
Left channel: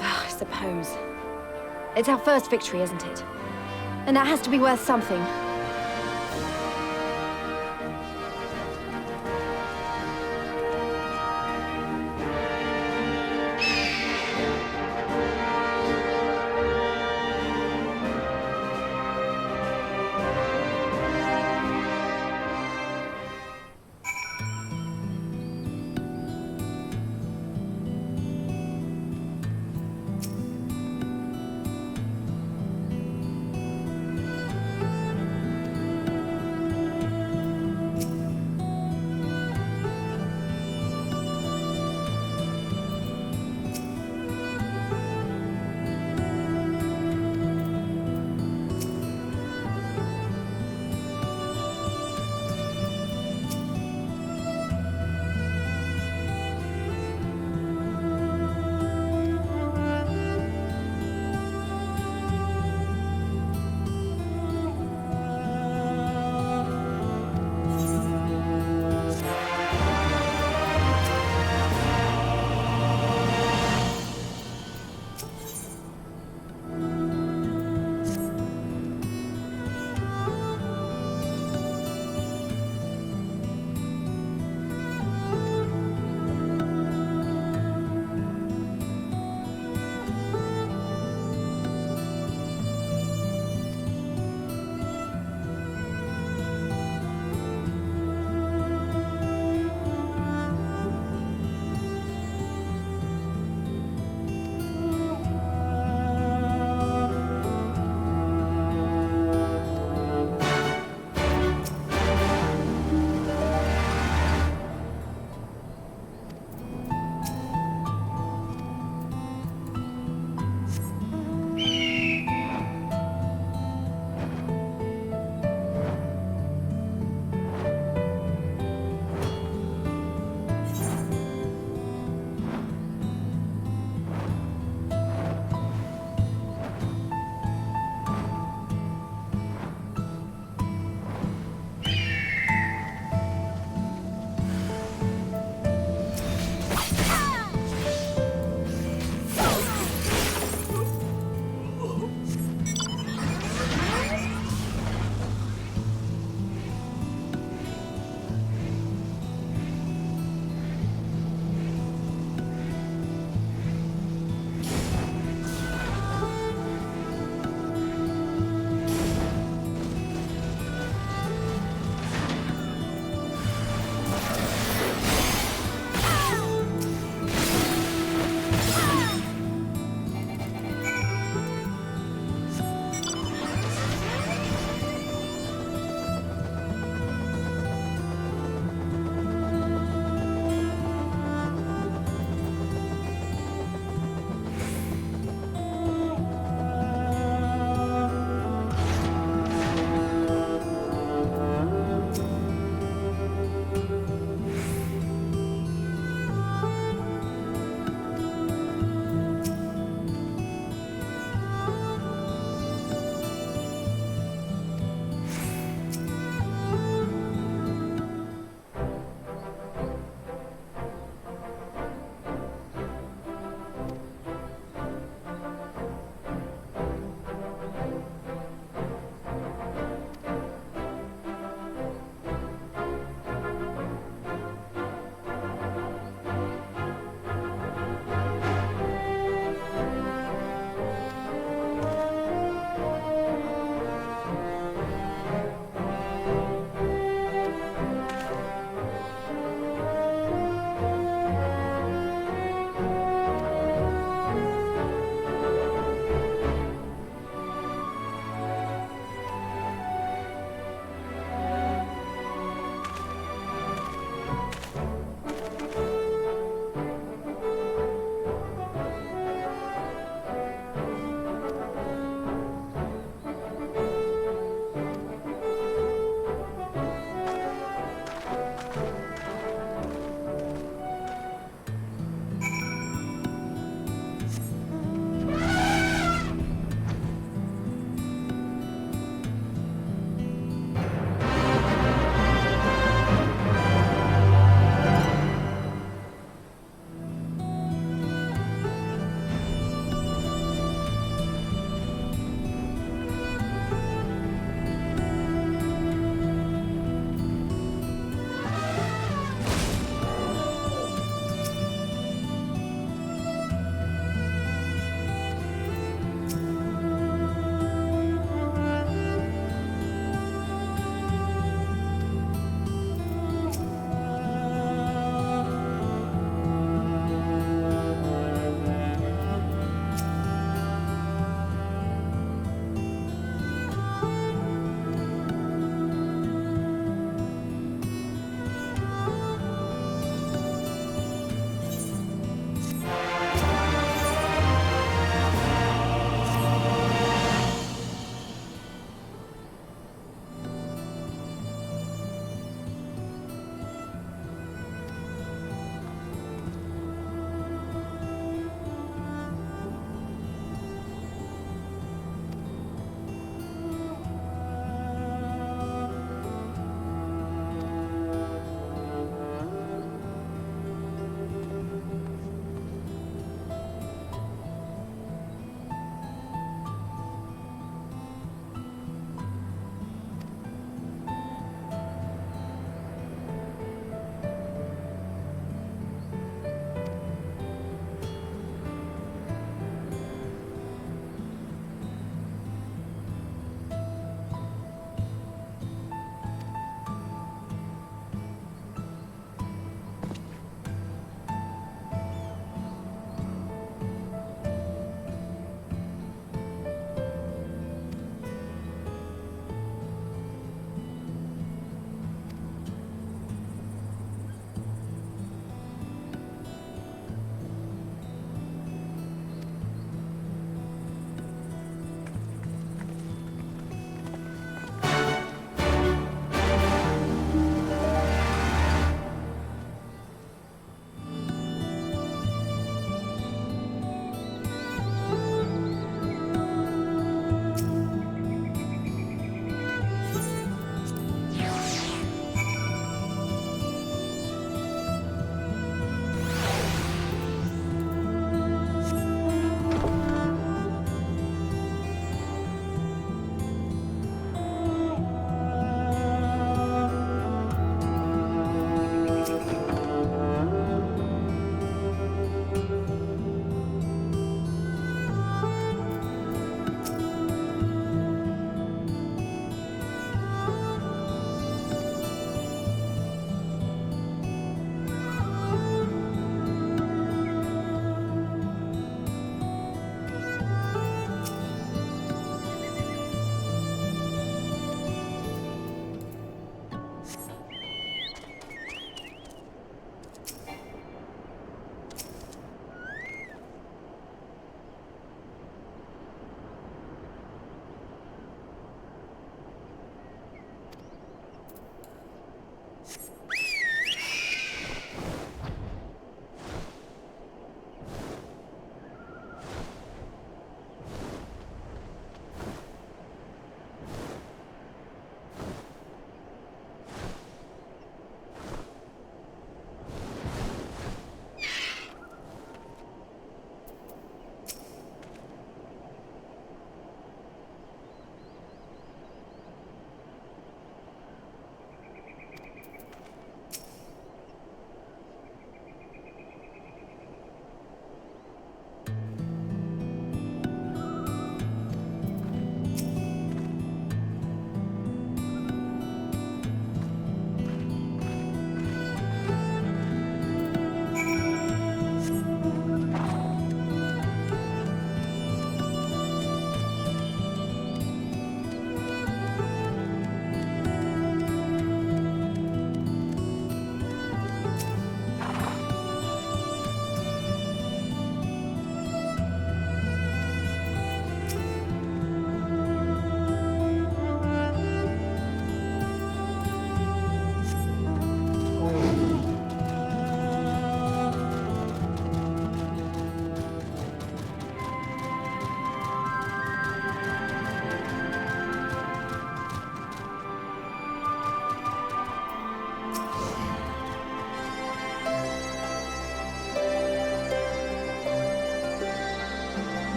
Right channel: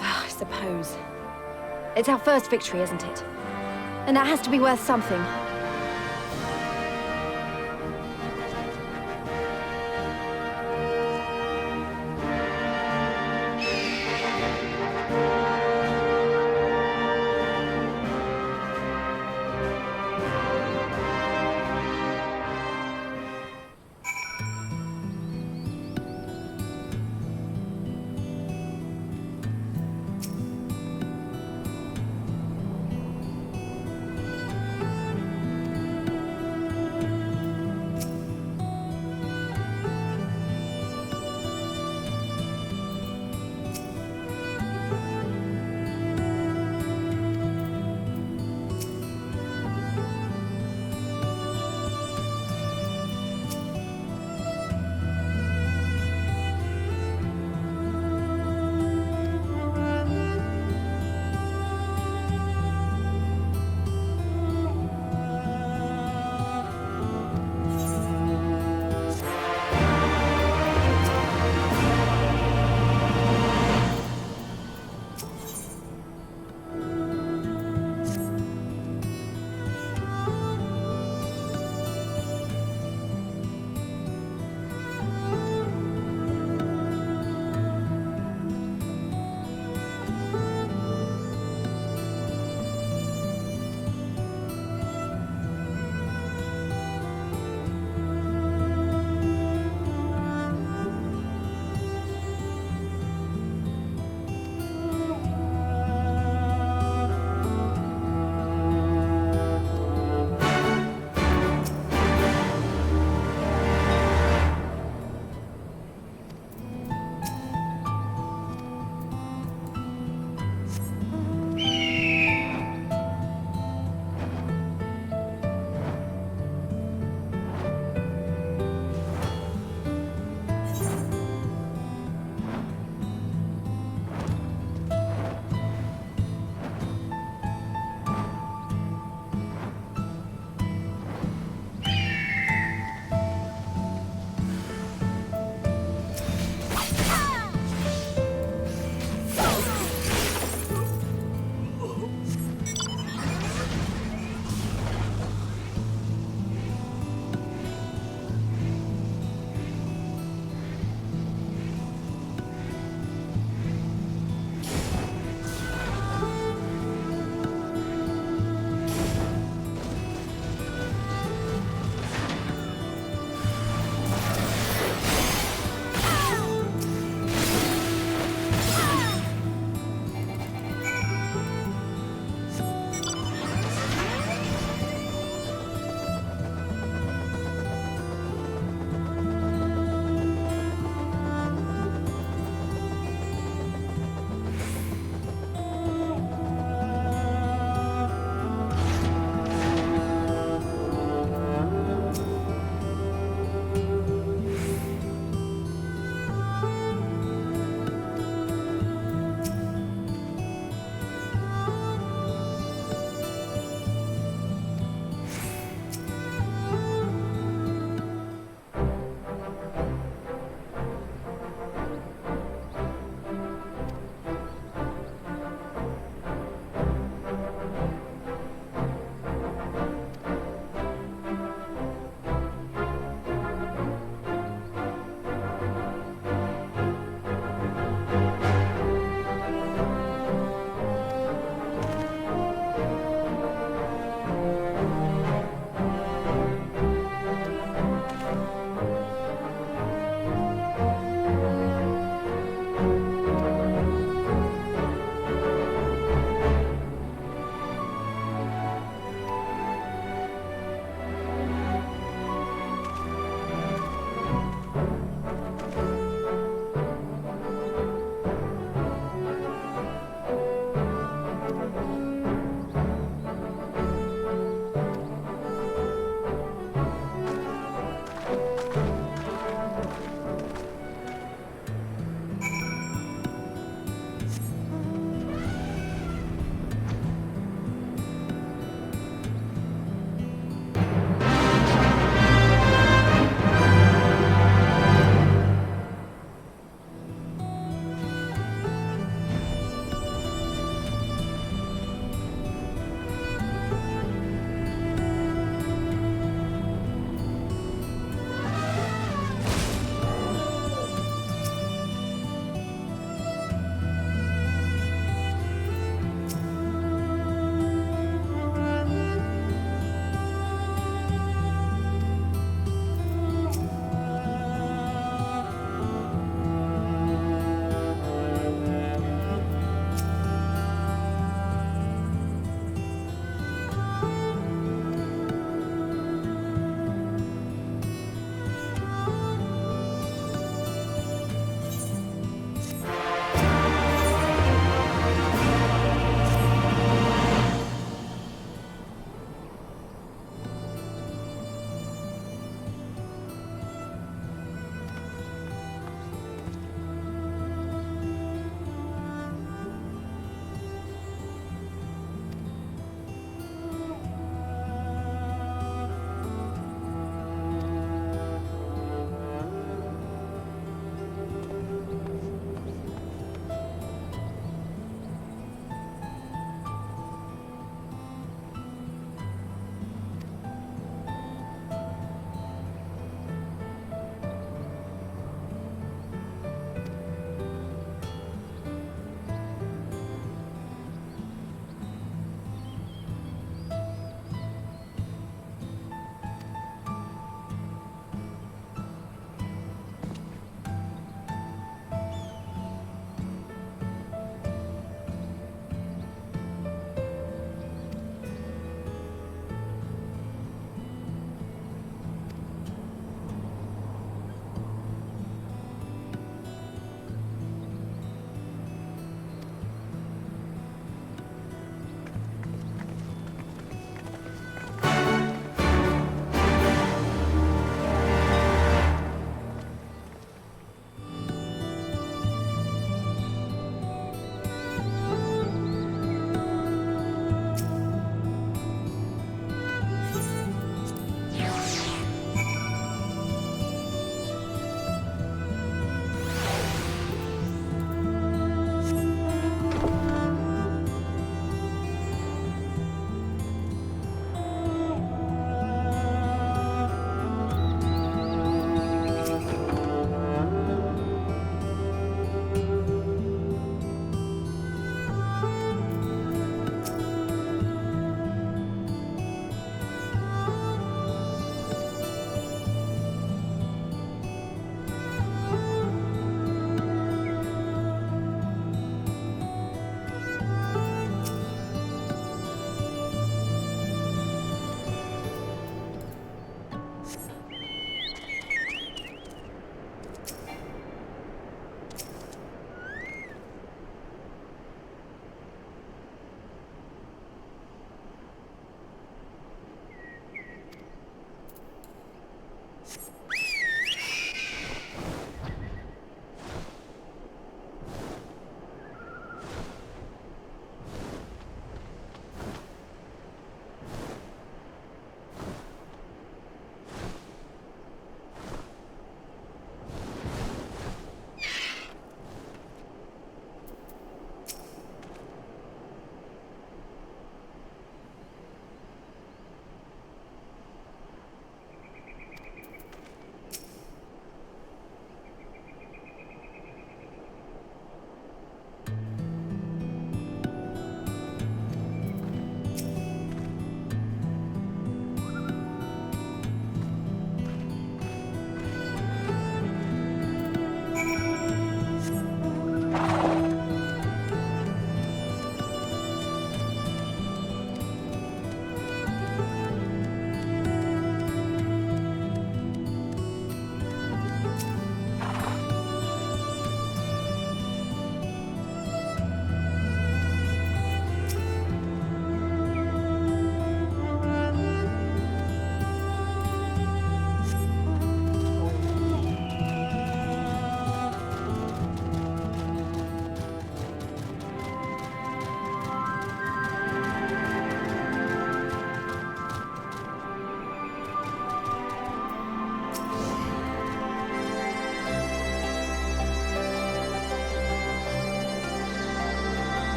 I suppose. It's our first victory, isn't it? And that has to be worth something.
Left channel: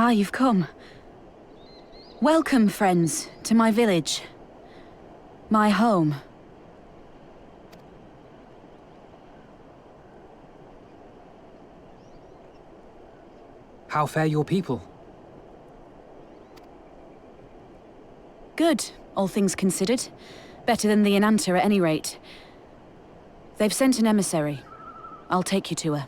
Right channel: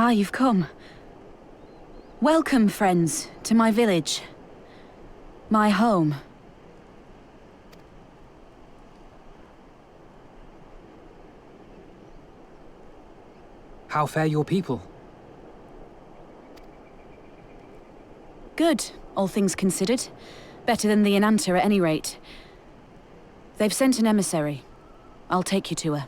Ah, you've come. Welcome, friends, to my village. My home. How fare your people? Good, all things considered. Better than the Ananta at any rate. They've sent an emissary. I'll take you to her.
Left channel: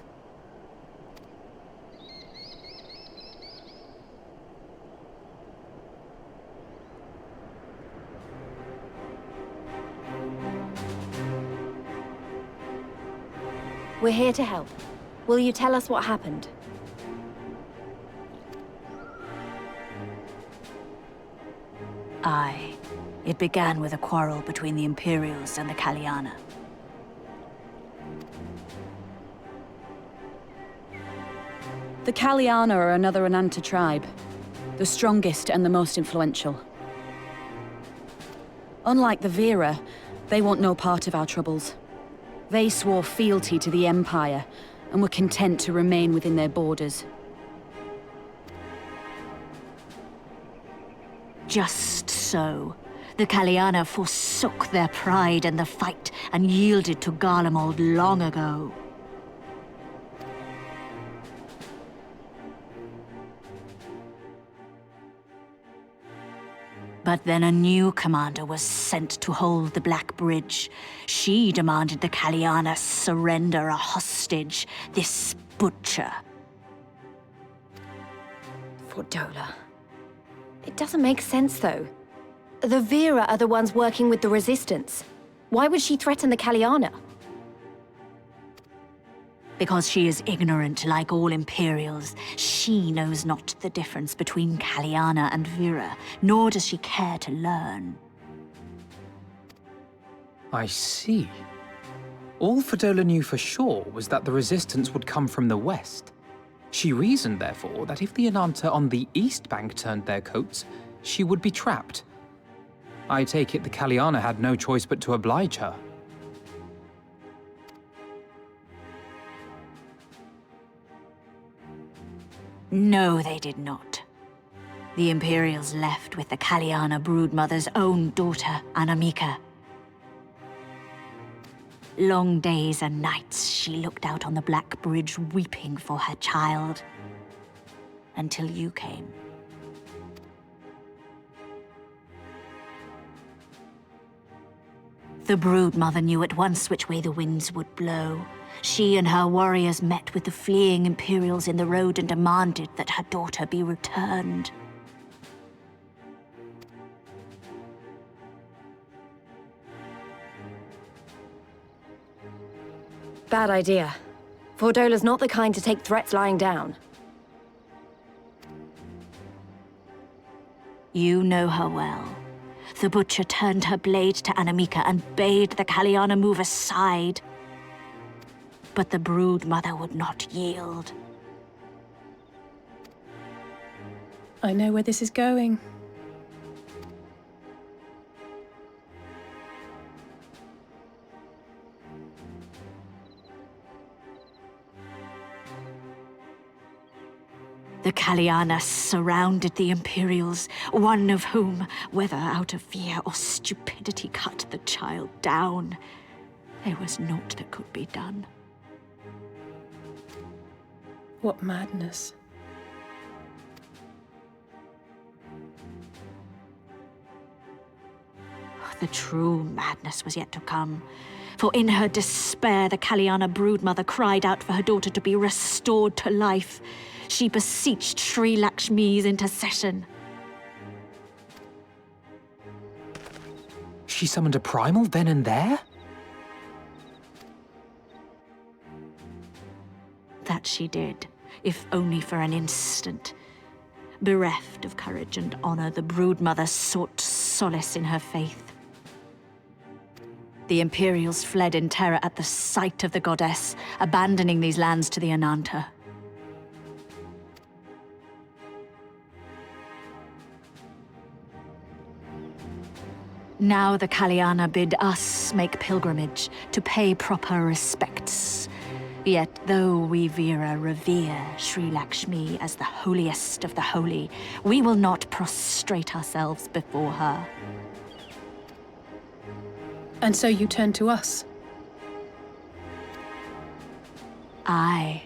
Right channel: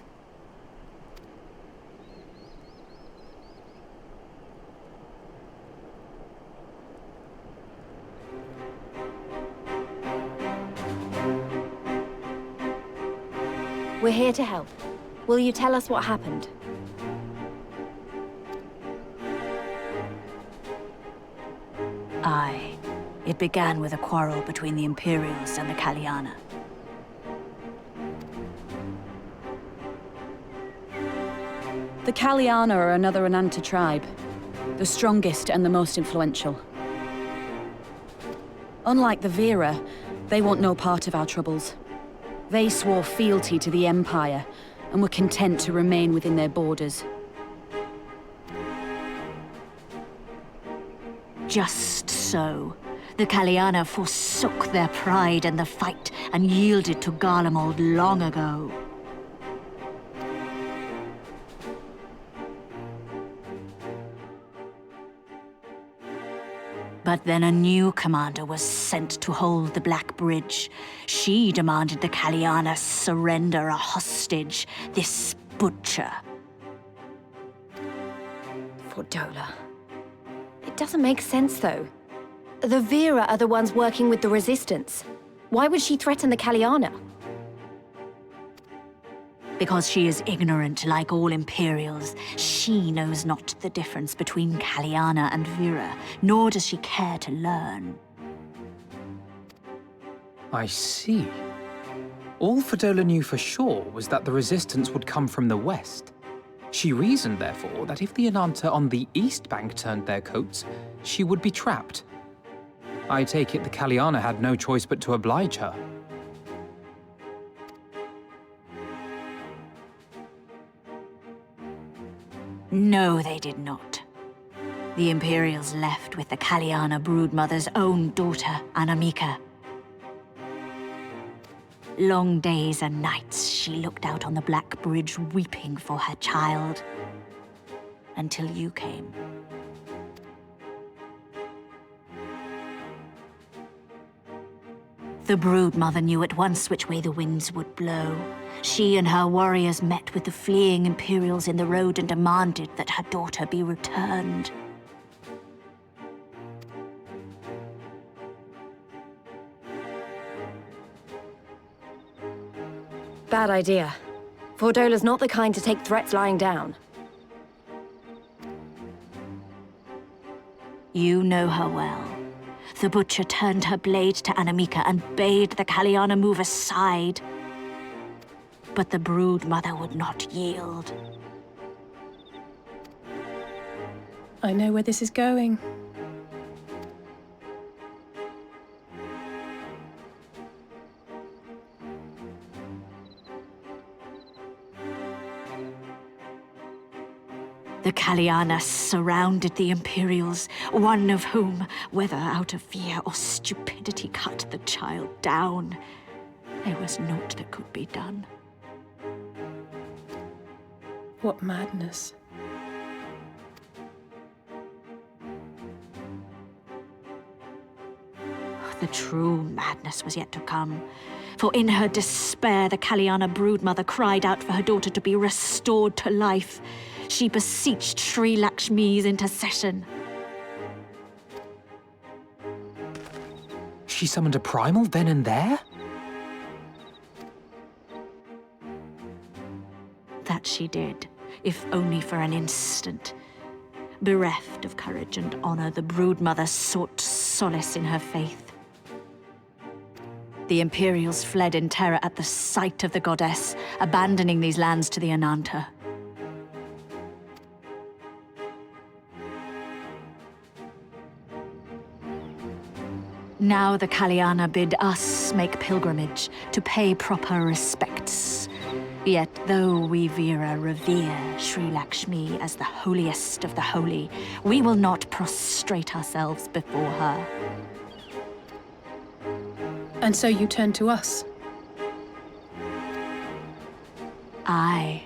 We're here to help. Will you tell us what happened? Aye. It began with a quarrel between the Imperials and the Kaliana. The Kaliana are another Ananta tribe. The strongest and the most influential. Unlike the Vera, they want no part of our troubles. They swore fealty to the Empire, and were content to remain within their borders. Just so. The Kaliana forsook their pride in the fight and yielded to Garlemald long ago. But then a new commander was sent to hold the Black Bridge. She demanded the Kaliana surrender a hostage, this butcher. Fordola. It doesn't make sense, though. The Vera are the ones working with the Resistance. Why would she threaten the Kaliana? Because she is ignorant like all Imperials. She knows not the difference between Kaliana and Vera, nor does she care to learn. I see. All Fordola knew for sure was that the Resistance would come from the west. She reasoned, therefore, that if the Ananta on the east bank turned their coats, she would be trapped. I take it the Kaliana had no choice but to oblige her. No, they did not. The Imperials left with the Kaliana broodmother's own daughter, Anamika. Long days and nights she looked out on the Black Bridge weeping for her child. Until you came. The broodmother knew at once which way the winds would blow. She and her warriors met with the fleeing Imperials in the road and demanded that her daughter be returned. Bad idea. Fordola's not the kind to take threats lying down. You know her well. The butcher turned her blade to Anamika and bade the Kaliana move aside. But the broodmother would not yield. I know where this is going. The Kaliana surrounded the Imperials, one of whom, whether out of fear or stupidity, cut the child down. There was naught that could be done. What madness. The true madness was yet to come. For in her despair, the Kaliana broodmother cried out for her daughter to be restored to life. She beseeched Sri Lakshmi's intercession. She summoned a primal then and there? That she did, if only for an instant. Bereft of courage and honor, the broodmother sought solace in her faith. The Imperials fled in terror at the sight of the goddess, abandoning these lands to the Ananta. Now the Kaliana bid us make pilgrimage to pay proper respects. Yet though we Veera revere Sri Lakshmi as the holiest of the holy, we will not prostrate ourselves before her. And so you turn to us? Aye.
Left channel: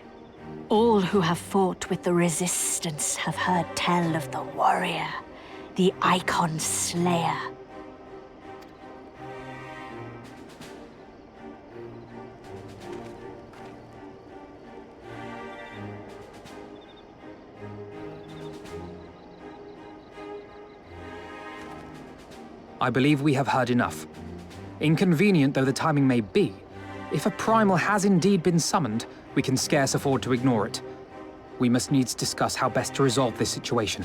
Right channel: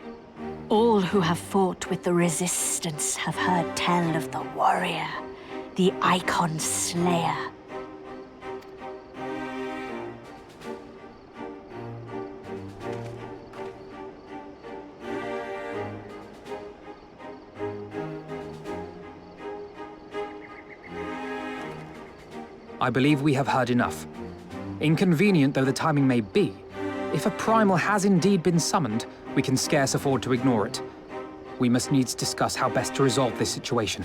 All who have fought with the Resistance have heard tell of the warrior, the Icon Slayer. I believe we have heard enough. Inconvenient though the timing may be, if a primal has indeed been summoned, we can scarce afford to ignore it. We must needs discuss how best to resolve this situation.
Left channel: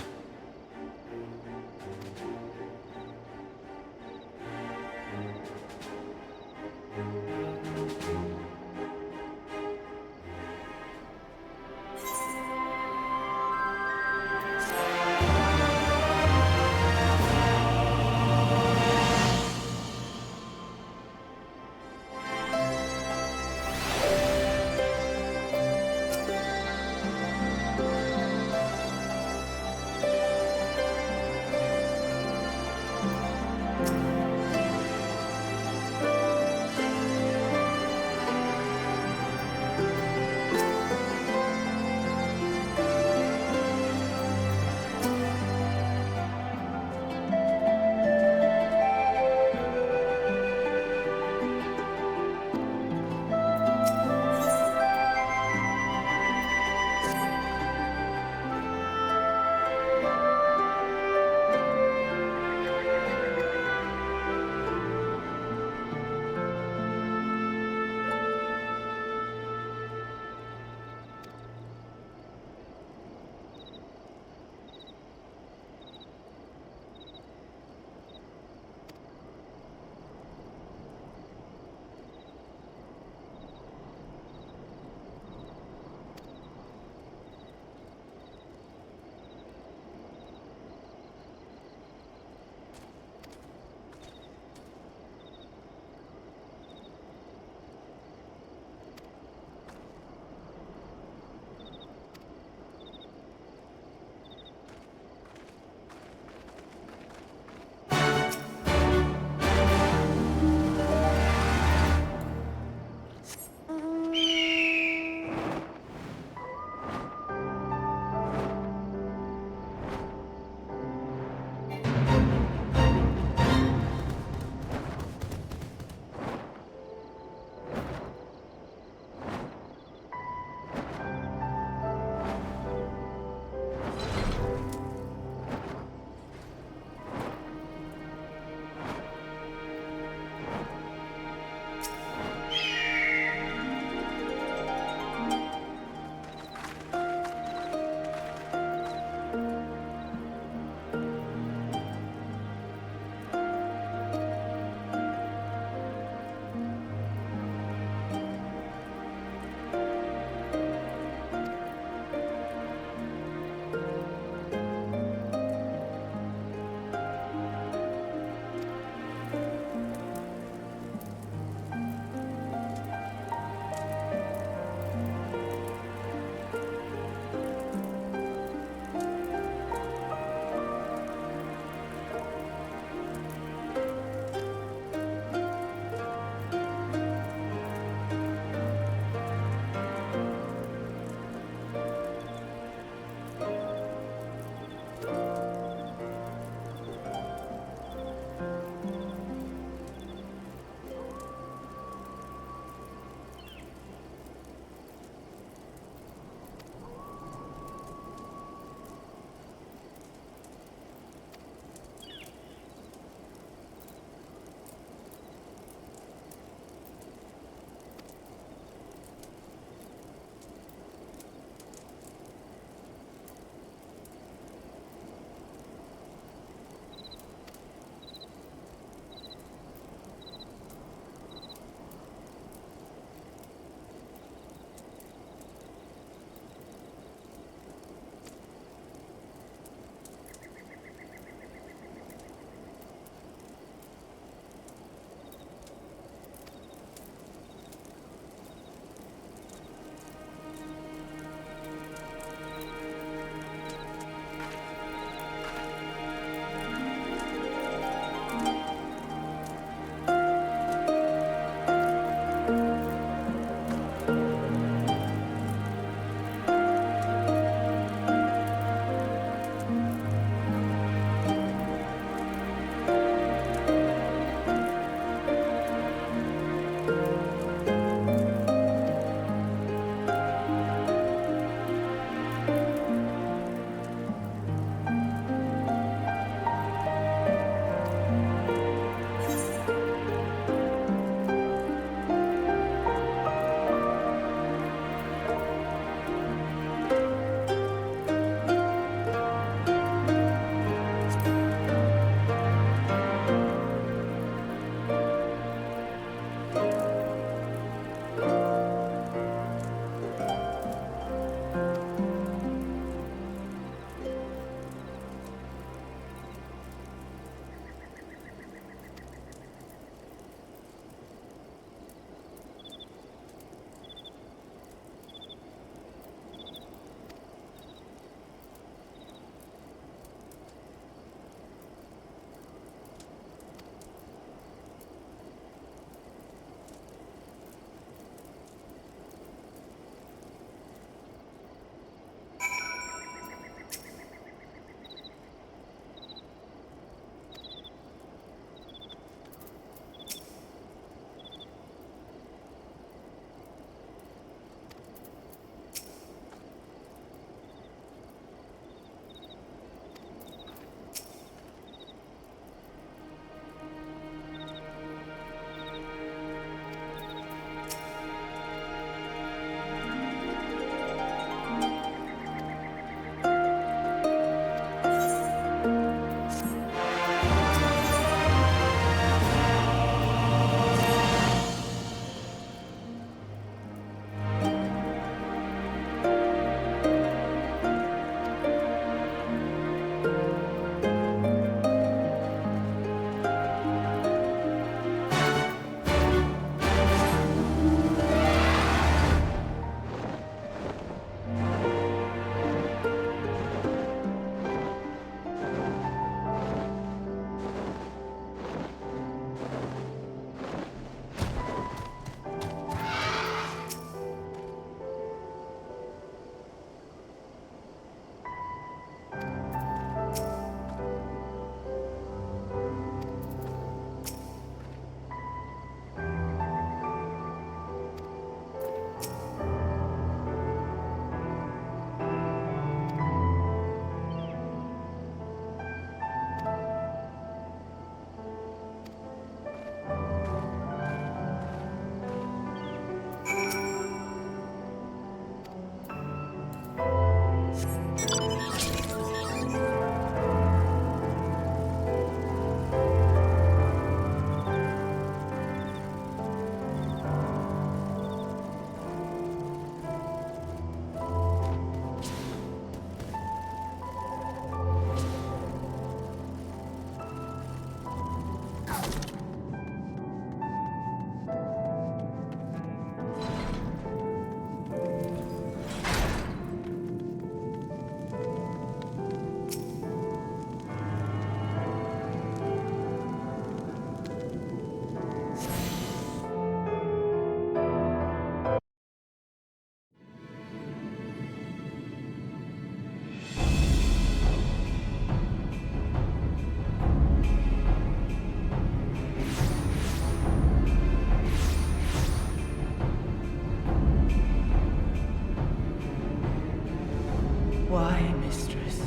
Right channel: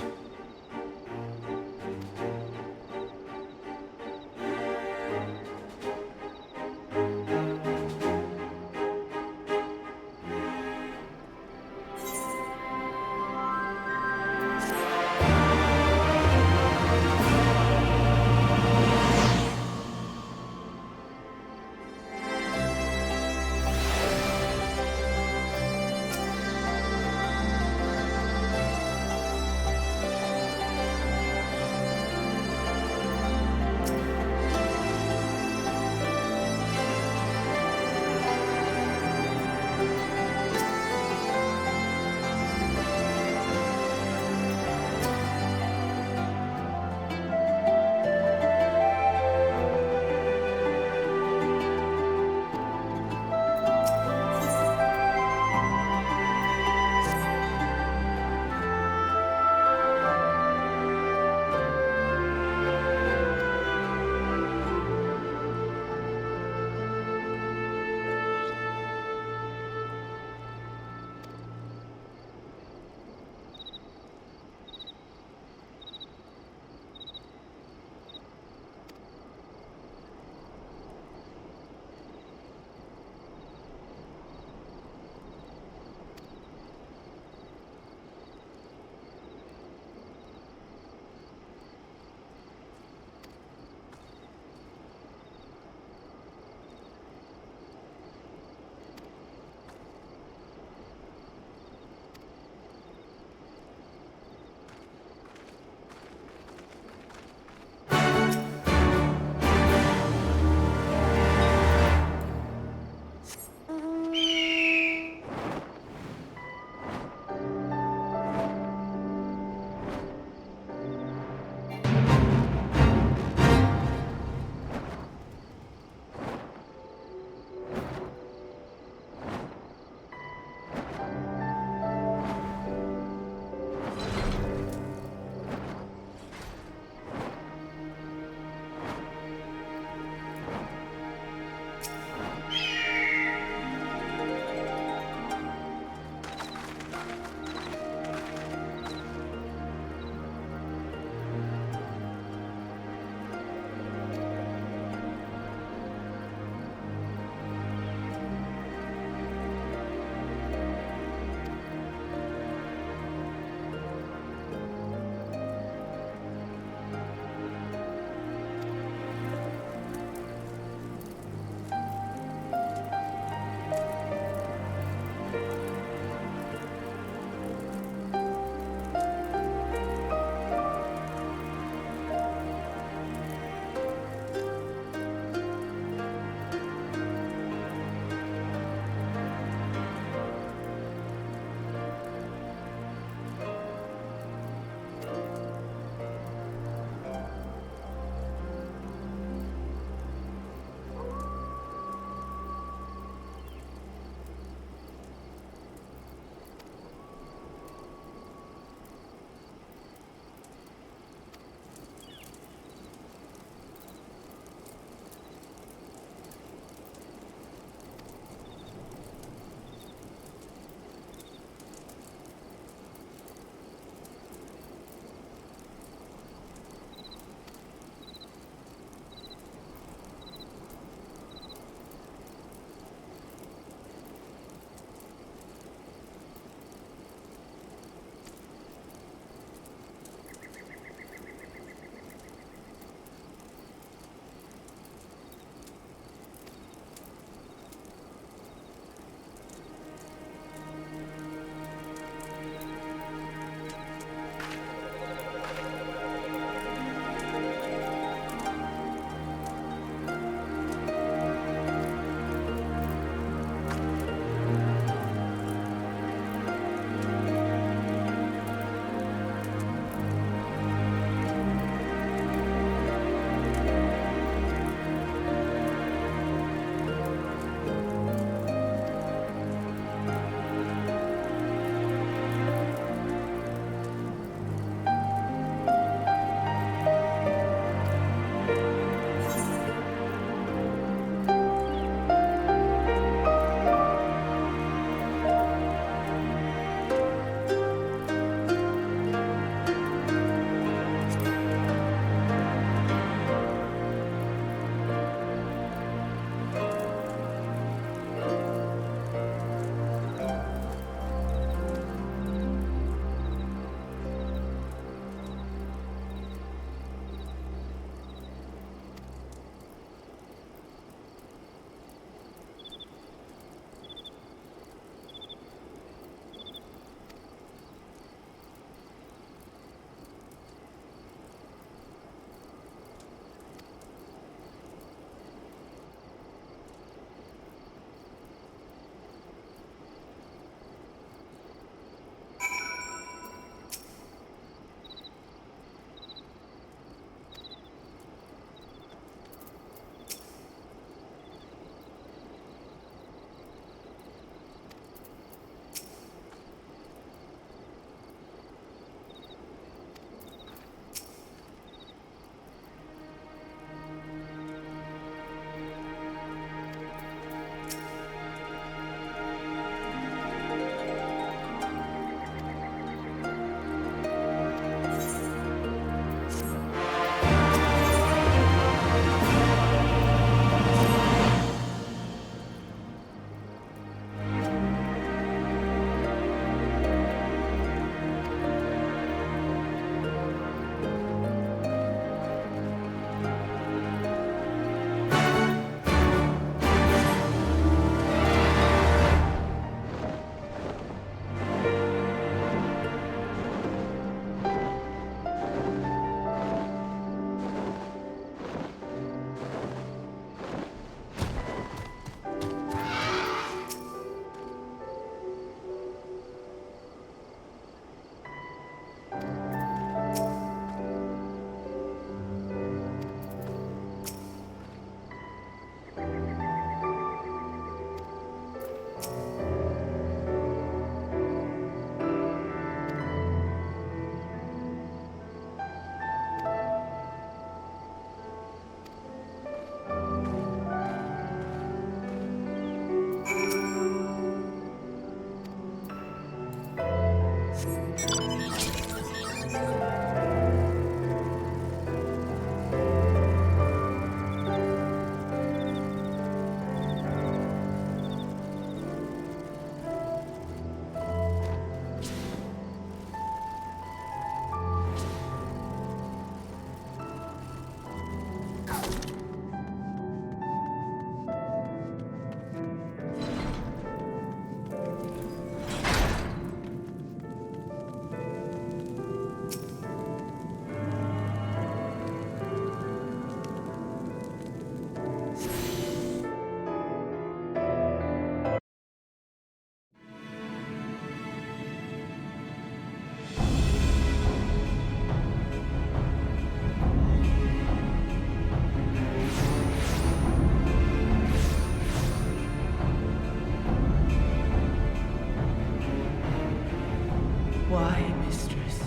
Why, mistress?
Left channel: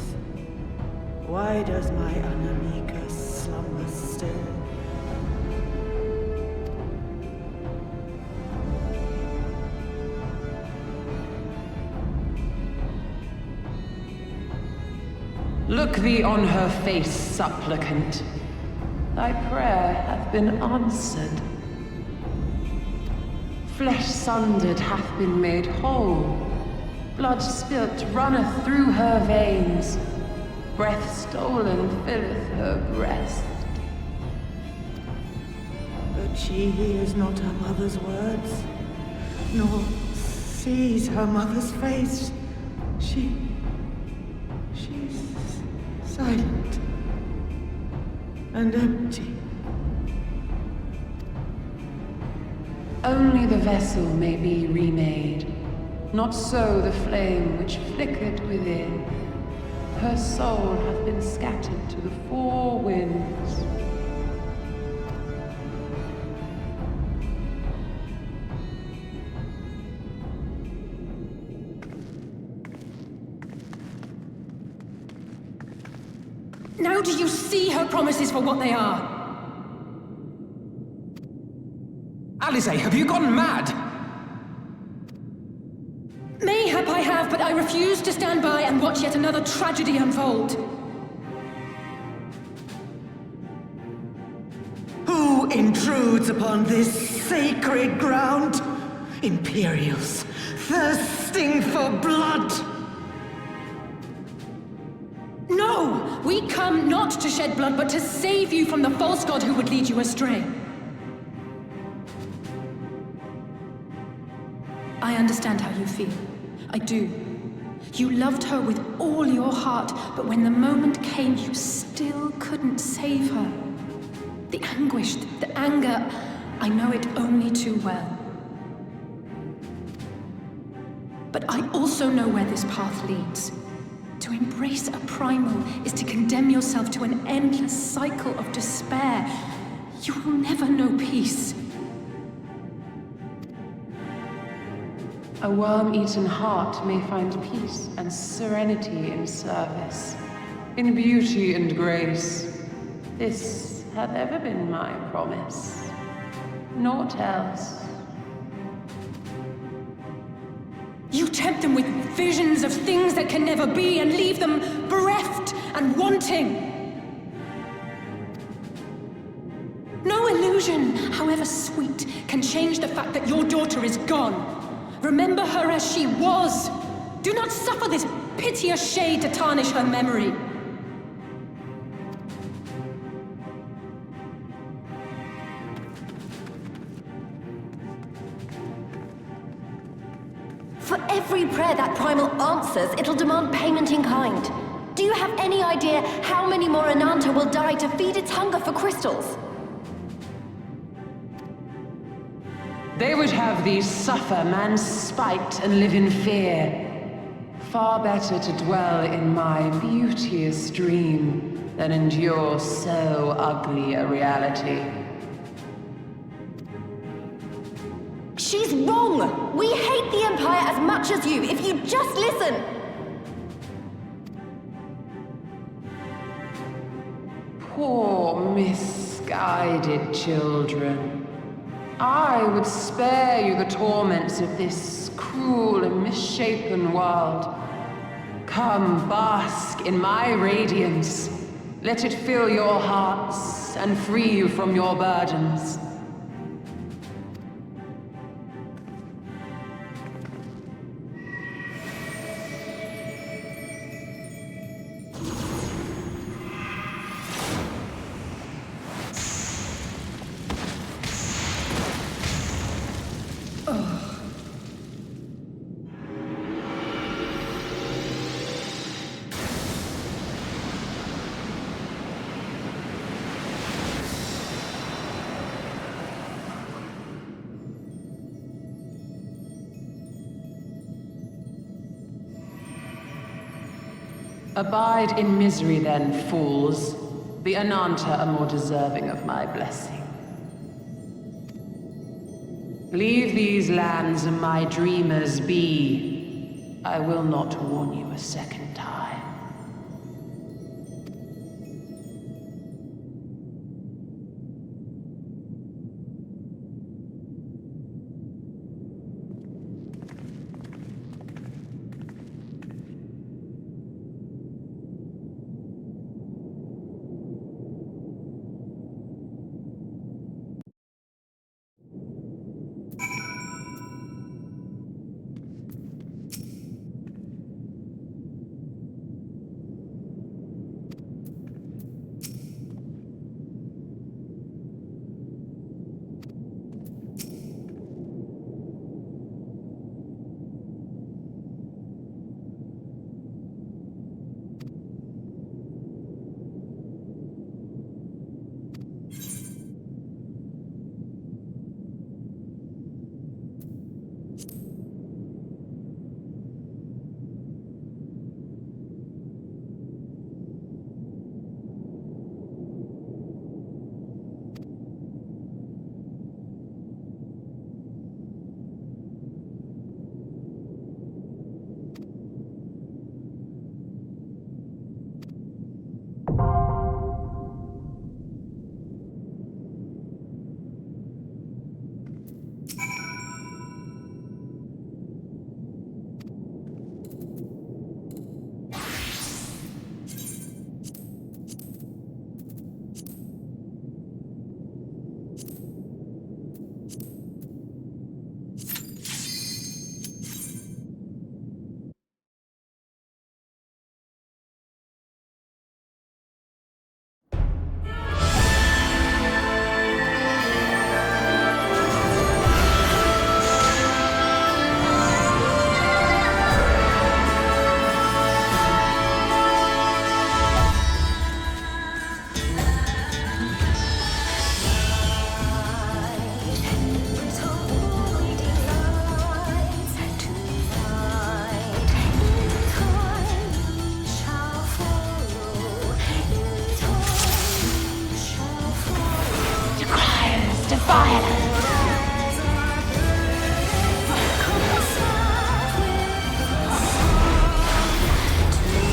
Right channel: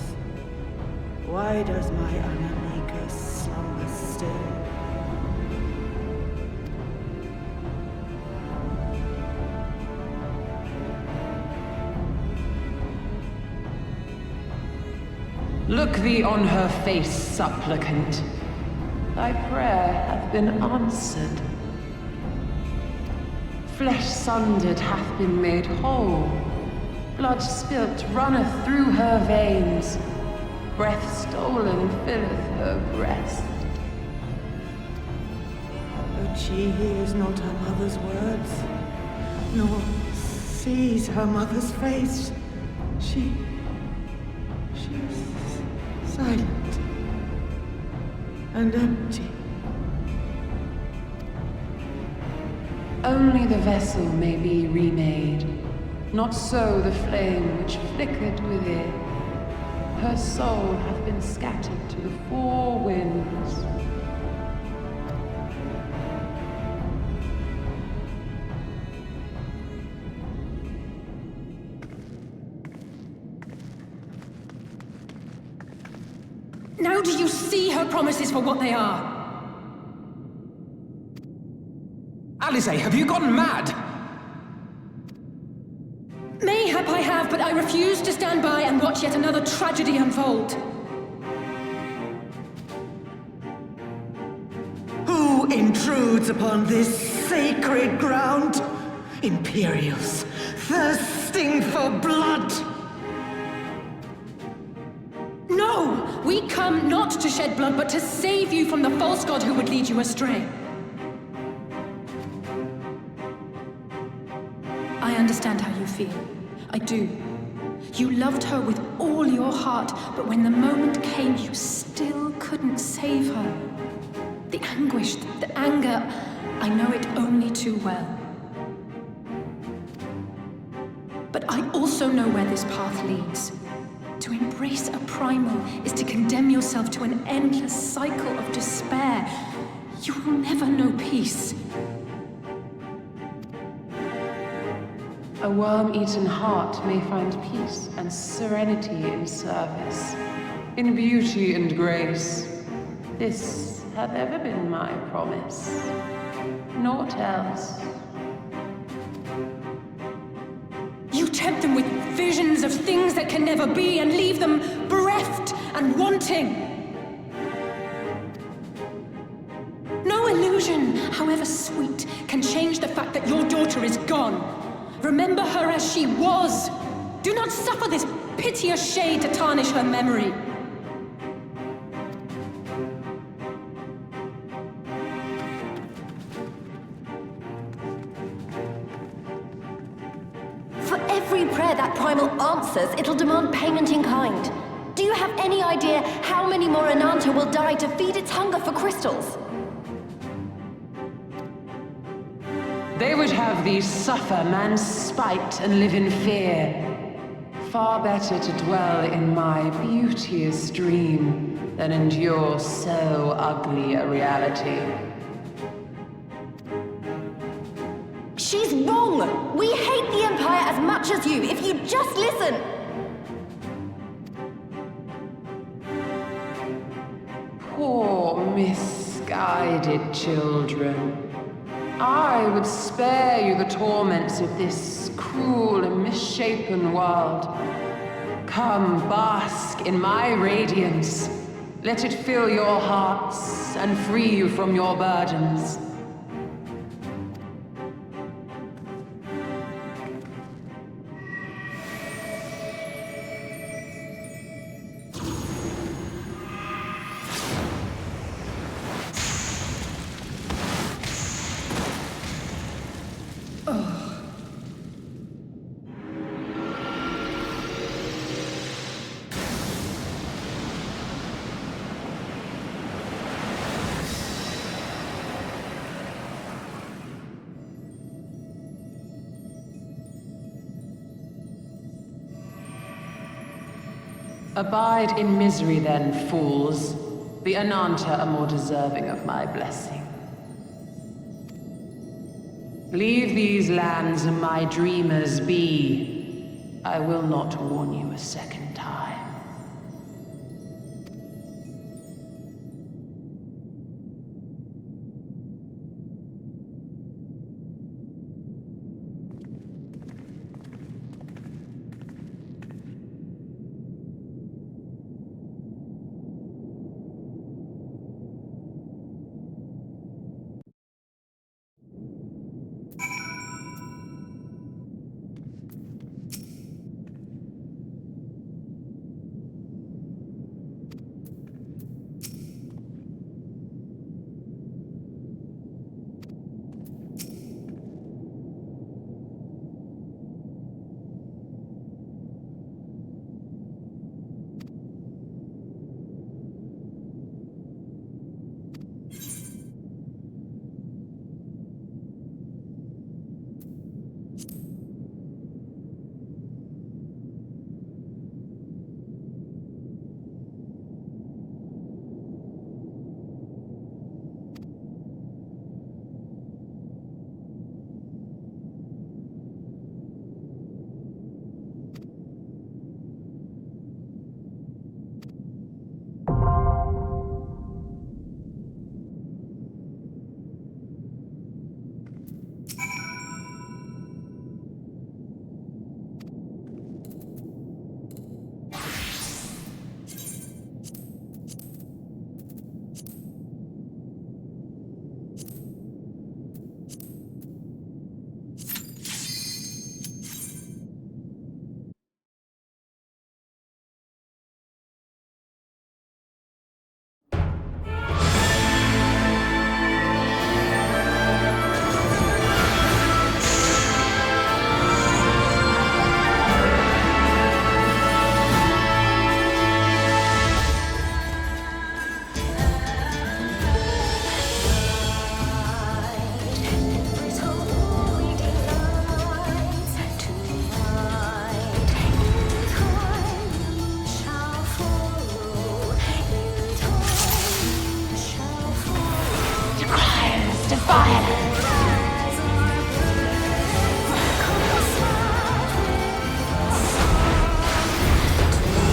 Why does my Anamika slumber still? Look thee on her face, supplicant. Thy prayer hath been answered. Flesh sundered hath been made whole. Blood spilt runneth through her veins. Breath stolen filleth her breast. But she hears not her mother's words, nor sees her mother's face. She is silent and empty. Only the vessel may be remade, not so the flame which flickered within. Her soul hath been scattered to the four winds. Now do you see her promises for what they are? Alisaie, have you gone mad? Mayhap I have, but I refuse to stand by and watch yet another tragedy unfold. Who intrudes upon this sacred ground? Imperials, thirsting for blood! No! We come not to shed blood, but to save you from the false god who would lead you astray. I understand how you feel. I do. You loved her with all your heart, but when the moment came, you still couldn't save her. The anguish, the anger, I know it only too well. But I also know where this path leads. To embrace a primal is to condemn yourself to an endless cycle of despair. You will never know peace. A worm-eaten heart may find peace and serenity in service, in beauty and grace. This hath ever been my promise. Naught else. You tempt them with visions of things that can never be and leave them bereft and wanting. No illusion, however sweet, can change the fact that your daughter is gone. Remember her as she was. Do not suffer this piteous shade to tarnish her memory. For every prayer that primal answers, it'll demand payment in kind. Do you have any idea how many more Ananta will die to feed its hunger for crystals? They would have thee suffer man's spite and live in fear. Far better to dwell in my beauteous dream than endure so ugly a reality. She's wrong! We hate the Empire as much as you, if you just listen! Poor, misguided children. I would spare you the torments of this cruel and misshapen world. Come, bask in my radiance. Let it fill your hearts and free you from your burdens. Abide in misery then, fools. The Ananta are more deserving of my blessing. Leave these lands and my dreamers be. I will not warn you a second time.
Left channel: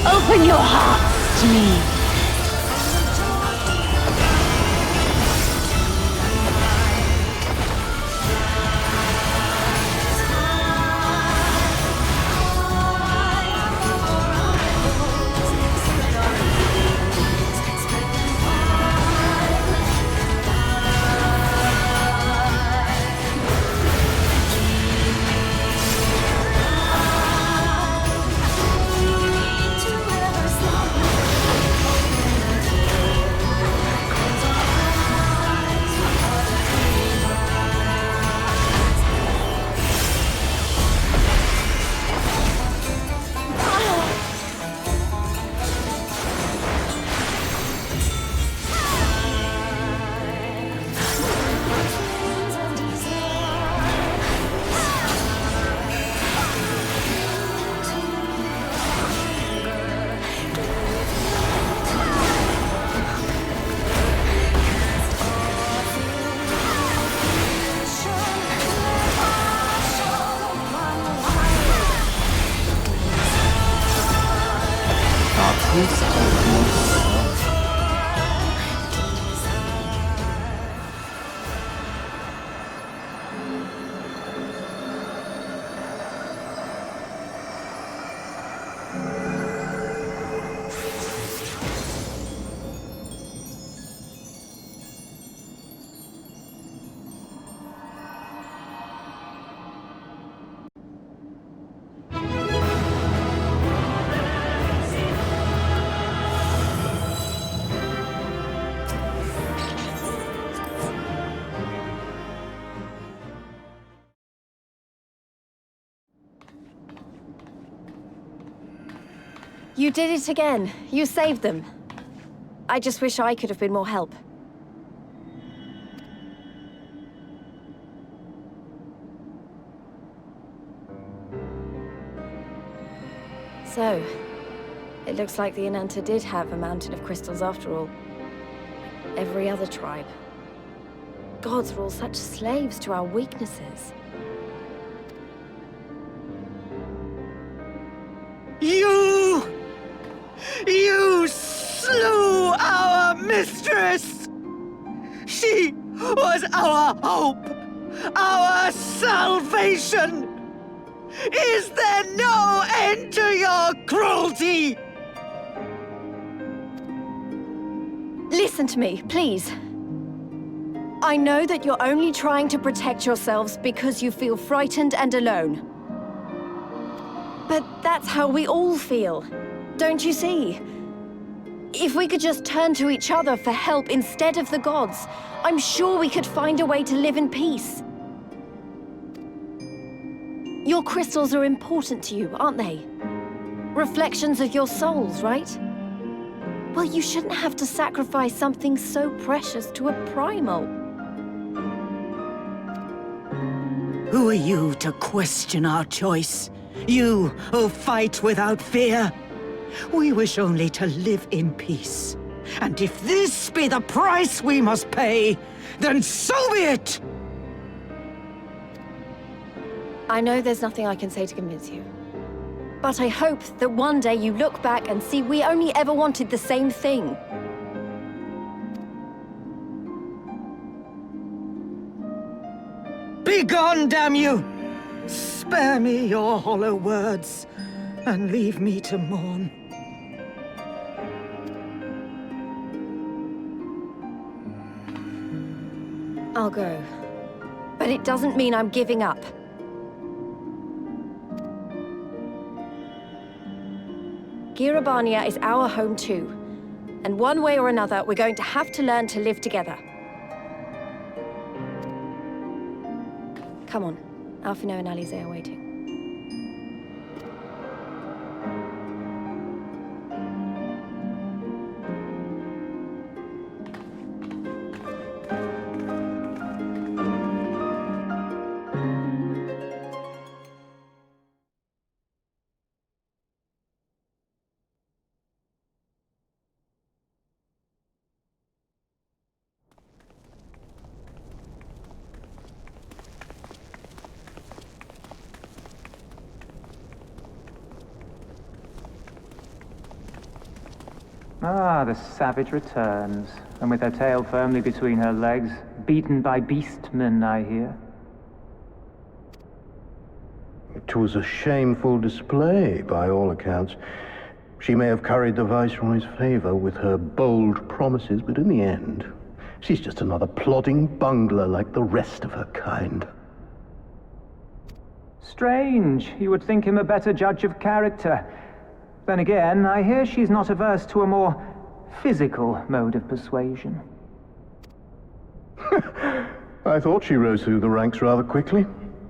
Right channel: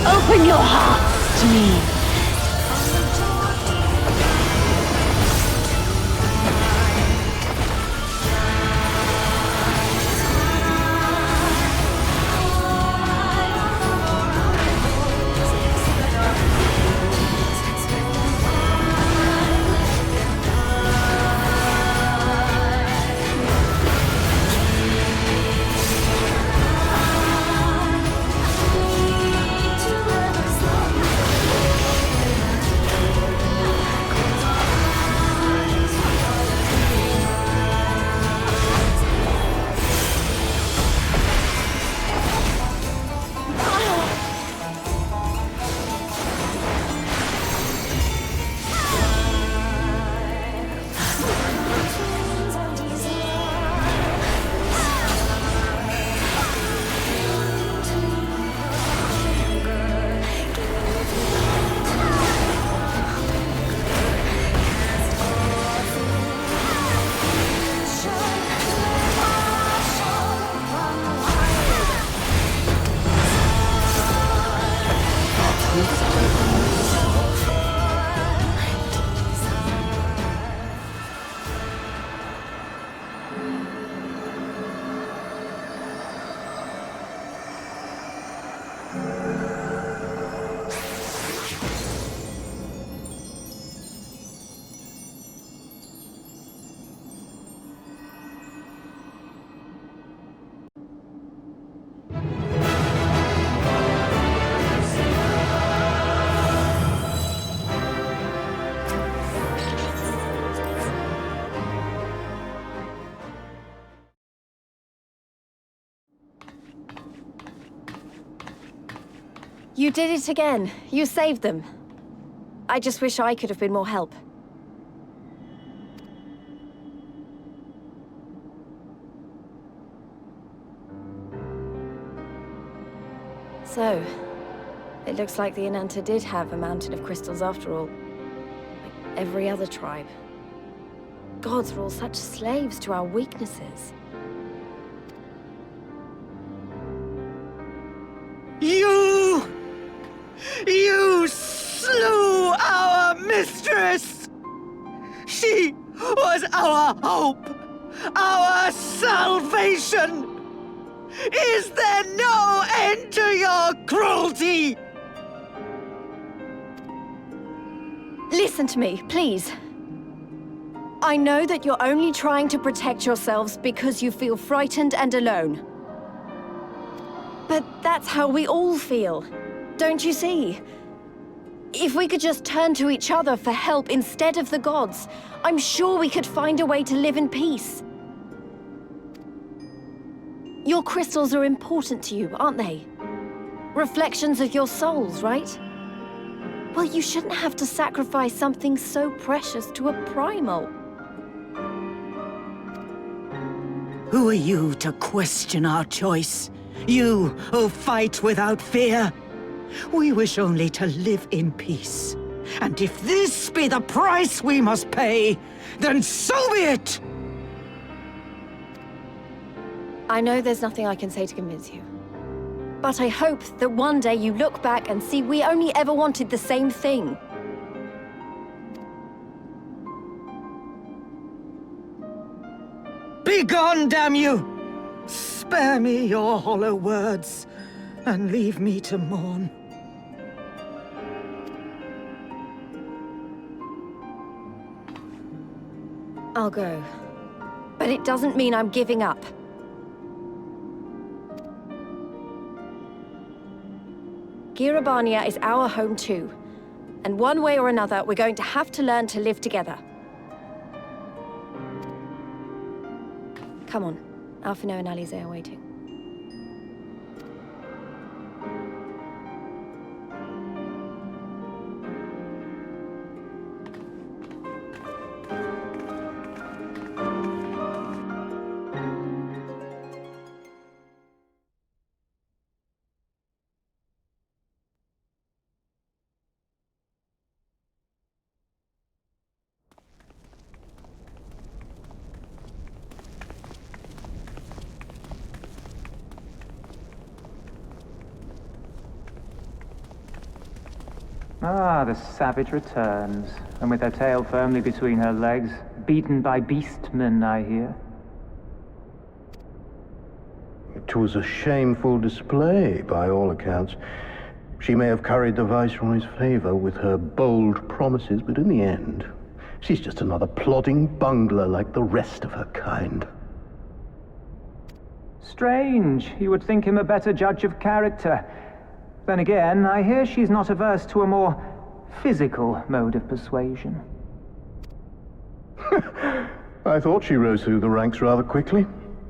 Open your hearts to me. You did it again. You saved them. I just wish I could have been more help. So, it looks like the Inanta did have a mountain of crystals after all. Like every other tribe. Gods are all such slaves to our weaknesses. You slew our mistress! She was our hope, our salvation! Is there no end to your cruelty? Listen to me, please. I know that you're only trying to protect yourselves because you feel frightened and alone. But that's how we all feel, don't you see? If we could just turn to each other for help instead of the gods, I'm sure we could find a way to live in peace. Your crystals are important to you, aren't they? Reflections of your souls, right? Well, you shouldn't have to sacrifice something so precious to a primal. Who are you to question our choice? You who fight without fear? We wish only to live in peace. And if this be the price we must pay, then so be it! I know there's nothing I can say to convince you. But I hope that one day you look back and see we only ever wanted the same thing. Begone, damn you! Spare me your hollow words, and leave me to mourn. I'll go. But it doesn't mean I'm giving up. Girabania is our home too. And one way or another, we're going to have to learn to live together. Come on. Alphino and Alize are waiting. Ah, the savage returns, and with her tail firmly between her legs, beaten by beastmen, I hear. It was a shameful display, by all accounts. She may have curried the Viceroy's favor with her bold promises, but in the end, she's just another plodding bungler like the rest of her kind. Strange. You would think him a better judge of character. Then again, I hear she's not averse to a more physical mode of persuasion. I thought she rose through the ranks rather quickly,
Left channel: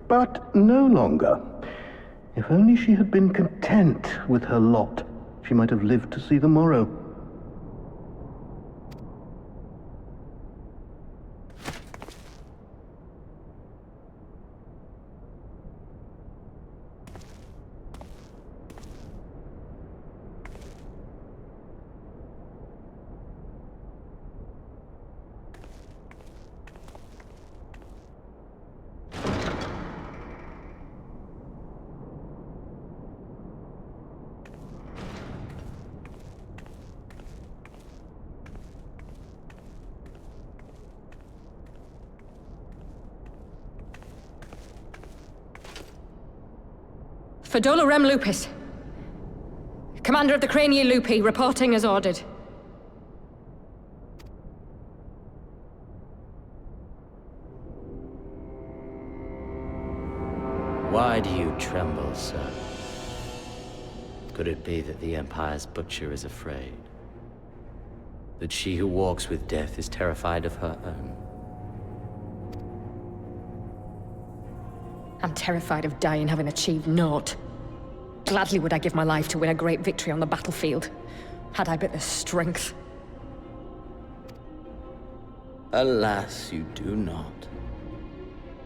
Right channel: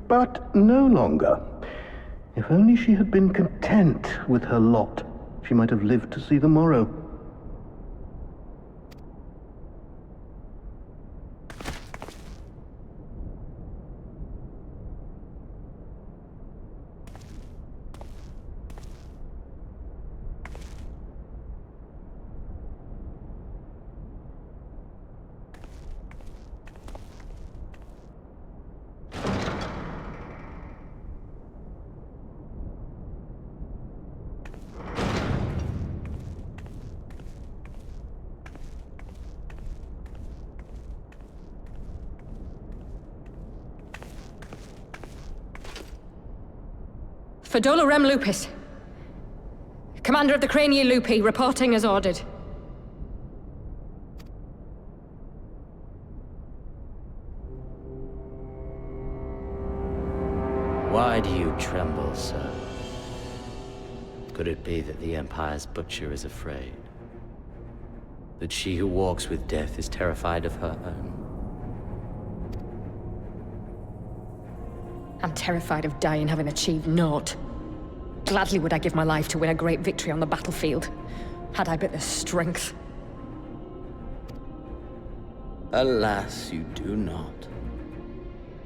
but no longer. If only she had been content with her lot, she might have lived to see the morrow. Fordola Rem Lupus. Commander of the Crania Lupi, reporting as ordered. Why do you tremble, sir? Could it be that the Empire's butcher is afraid? That she who walks with death is terrified of her own? I'm terrified of dying having achieved naught. Gladly would I give my life to win a great victory on the battlefield, had I but the strength. Alas, you do not.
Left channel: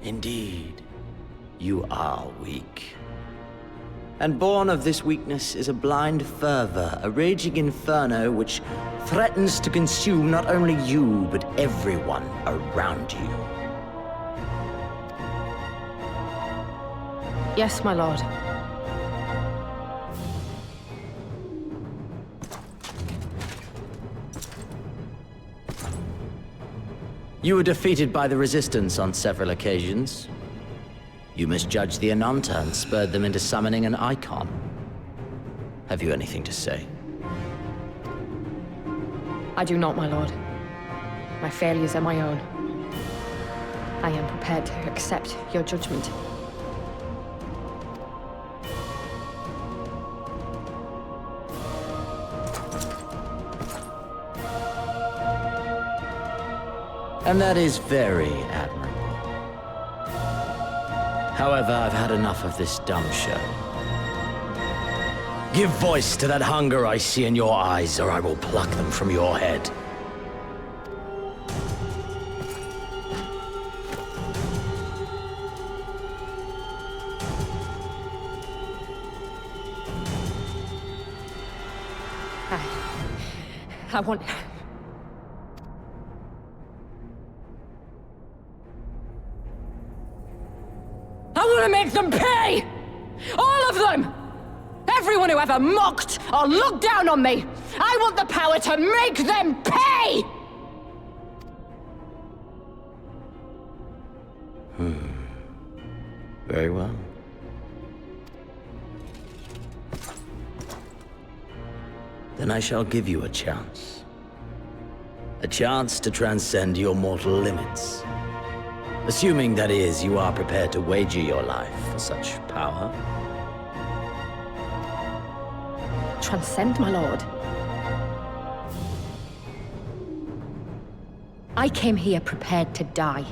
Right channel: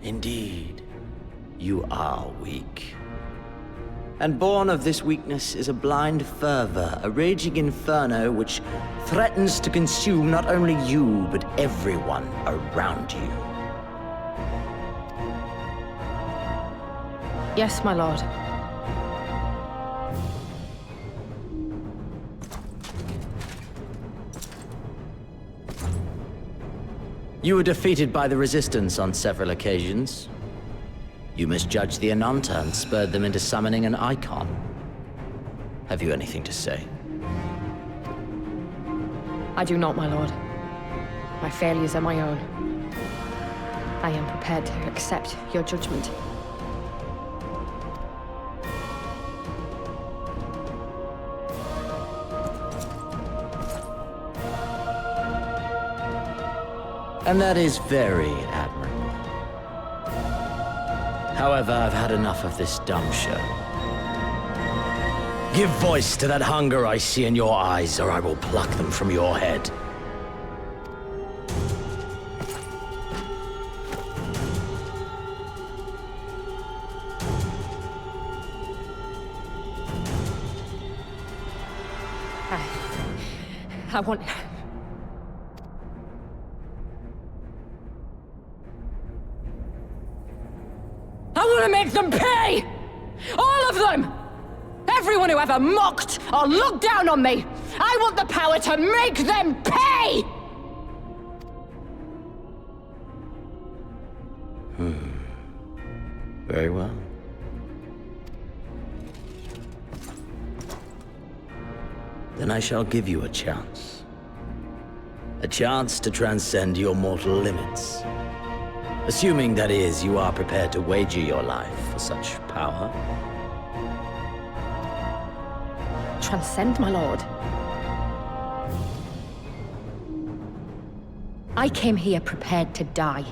Indeed, you are weak. And born of this weakness is a blind fervor, a raging inferno which threatens to consume not only you, but everyone around you. Yes, my lord. You were defeated by the Resistance on several occasions. You misjudged the Ananta and spurred them into summoning an icon. Have you anything to say? I do not, my lord. My failures are my own. I am prepared to accept your judgment. And that is very admirable. However, I've had enough of this dumb show. Give voice to that hunger I see in your eyes, or I will pluck them from your head. I want... I want to make them pay! All of them! Everyone who ever mocked or looked down on me! I want the power to make them pay! Very well. Then I shall give you a chance. A chance to transcend your mortal limits. Assuming, that is, you are prepared to wager your life for such power. Transcend, my lord. I came here prepared to die.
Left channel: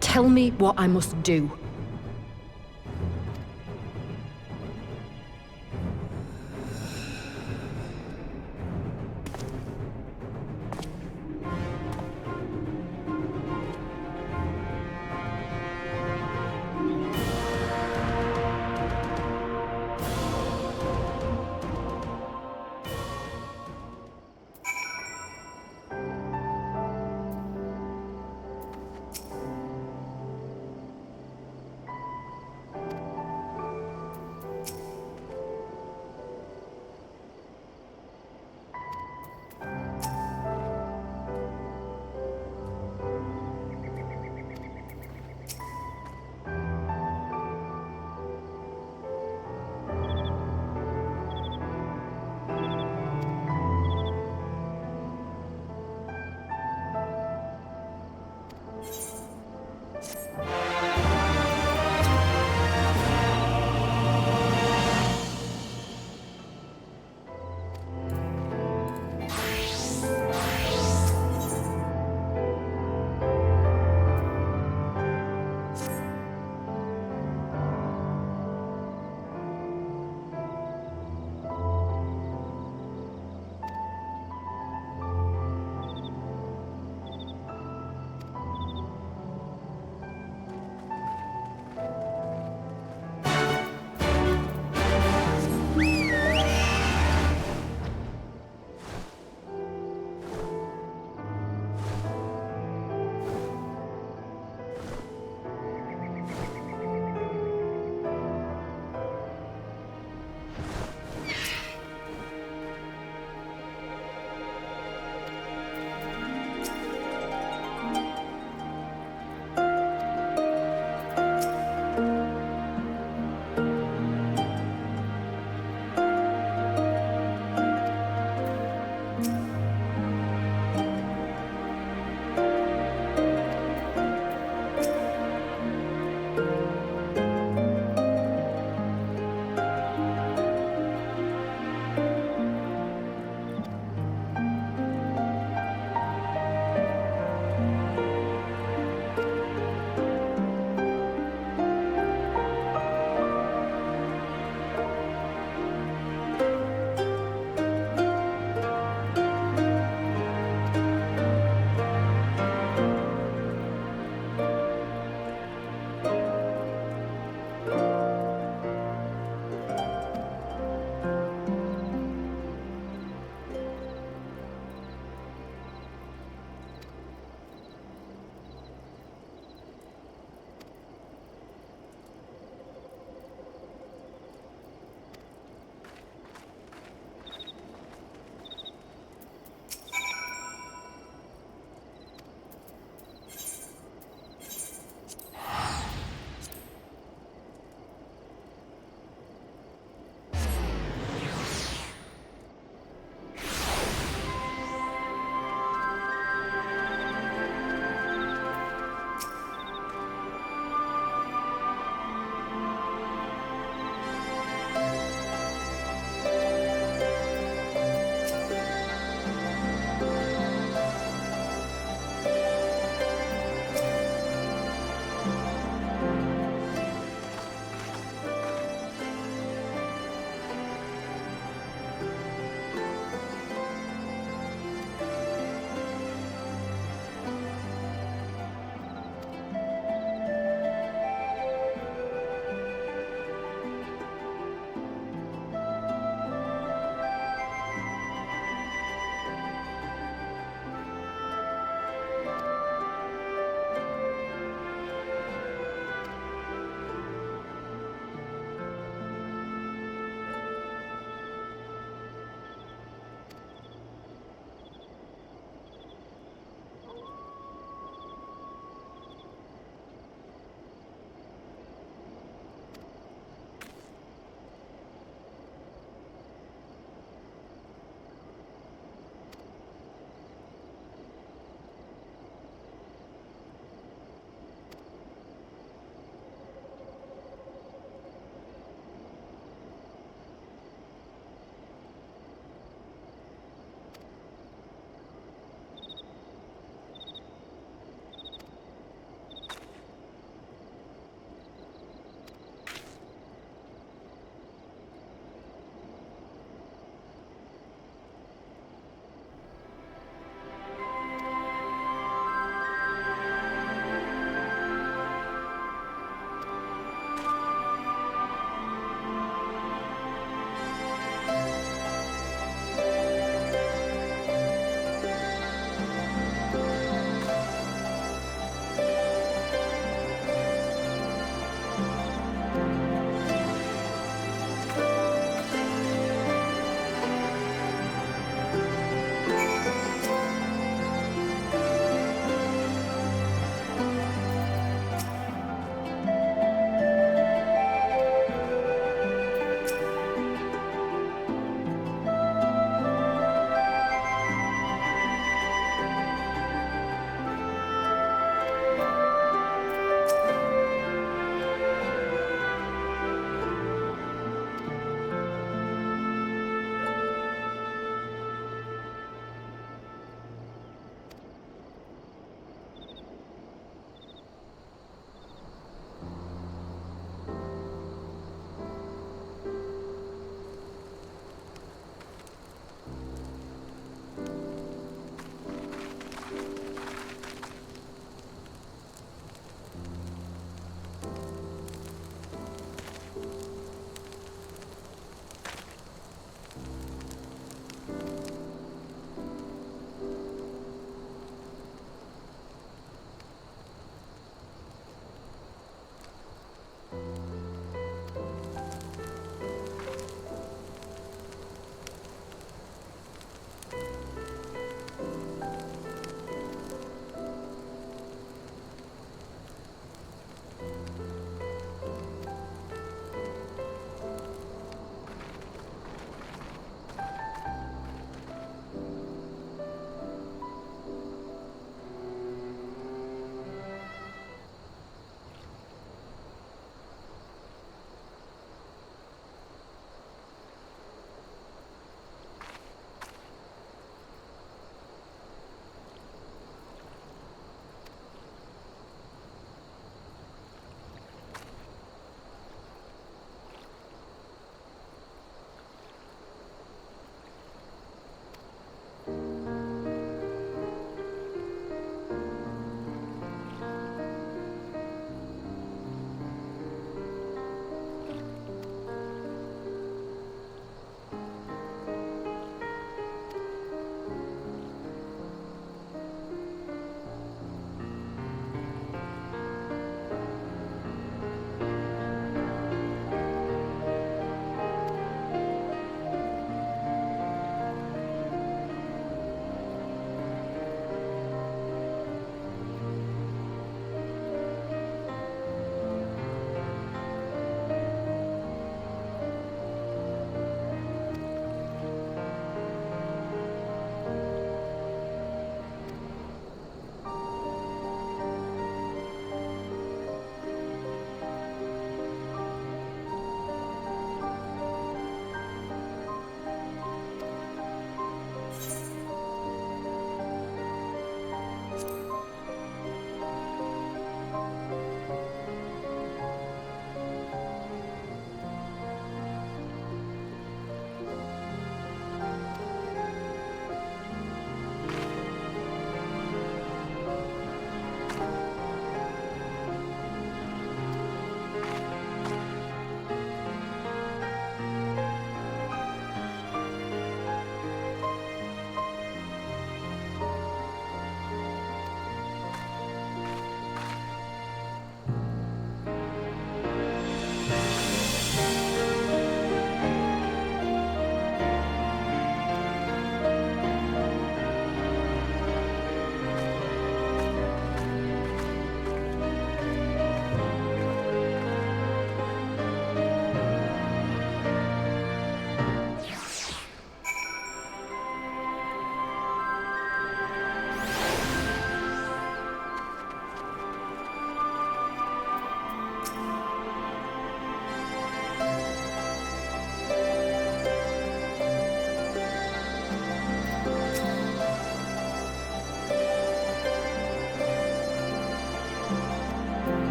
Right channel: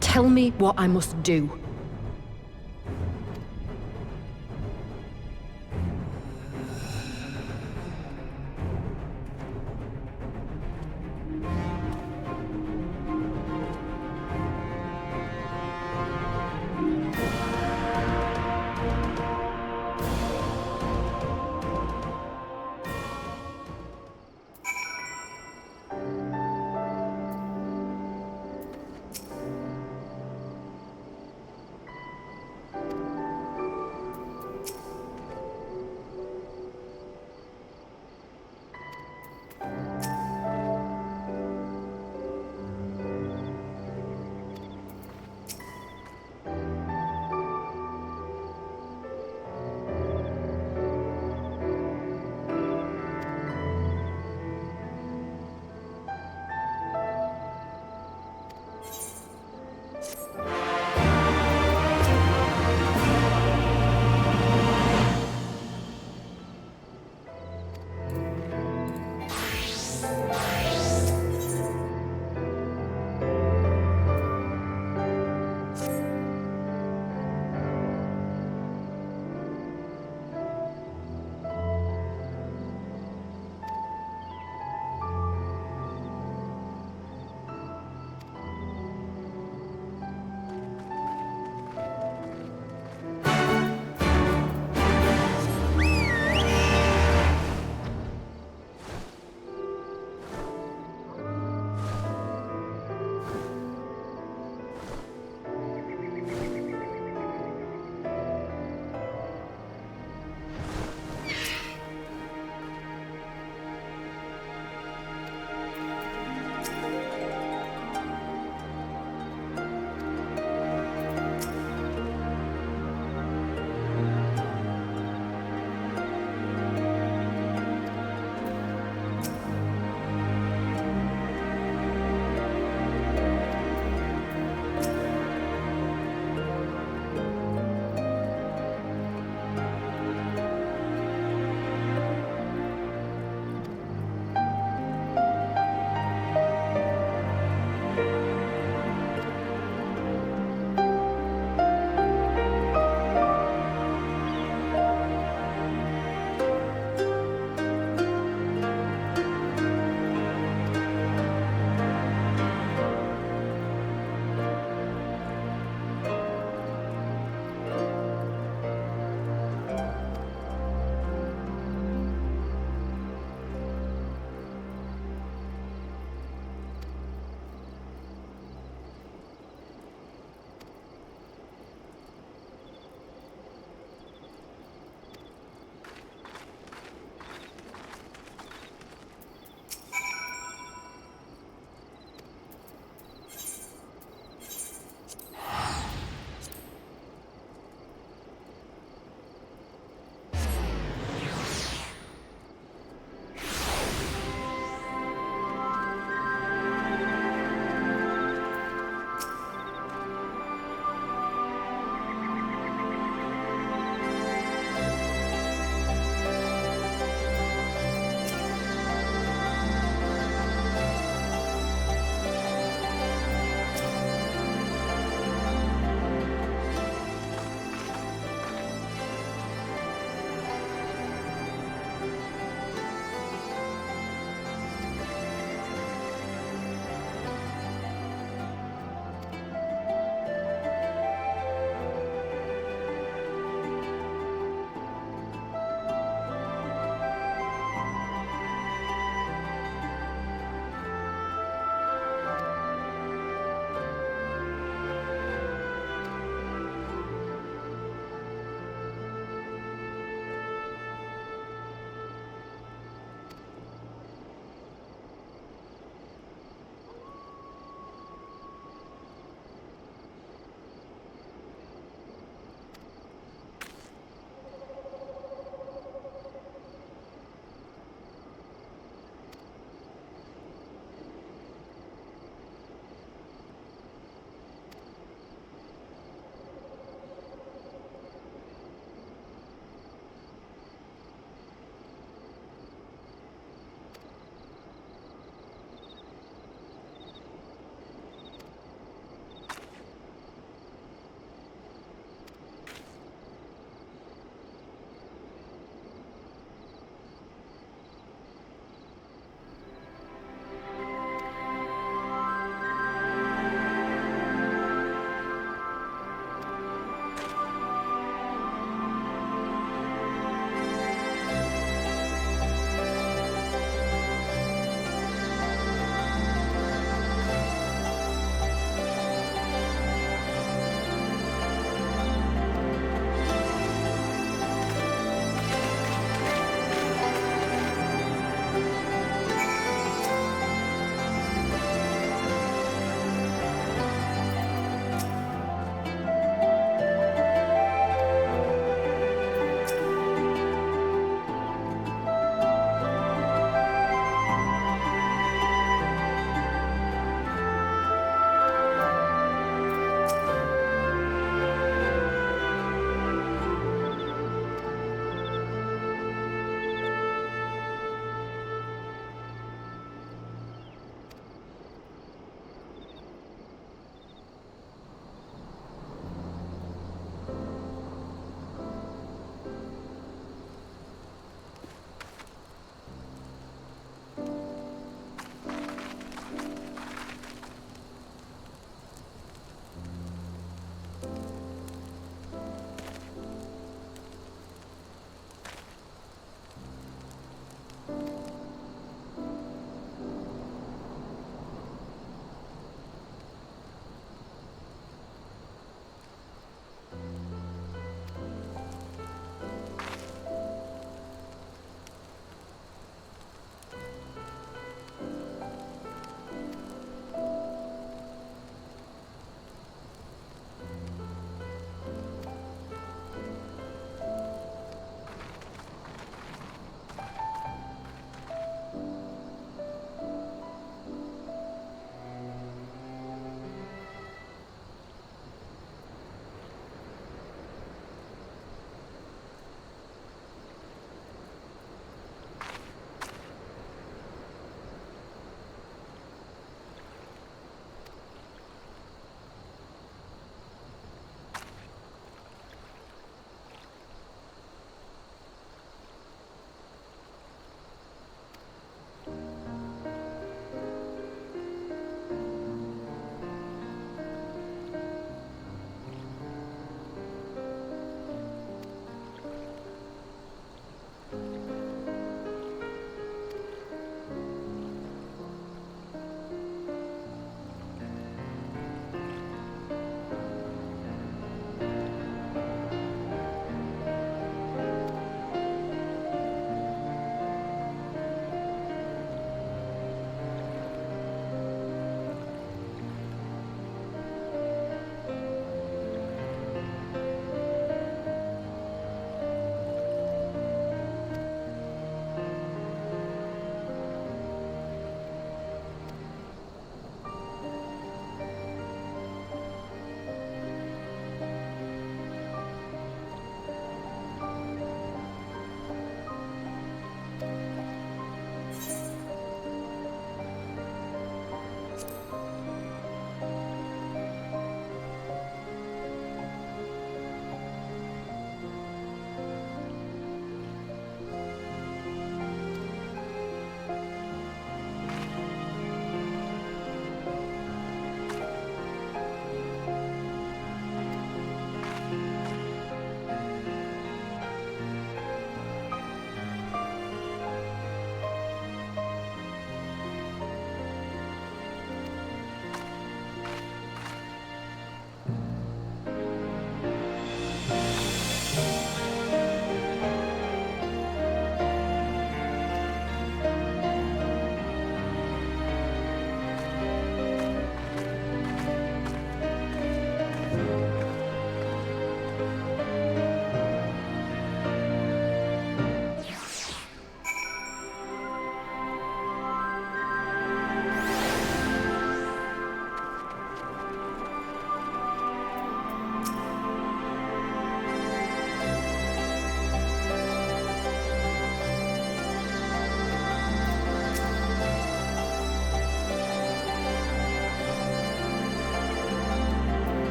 Tell me what I must do.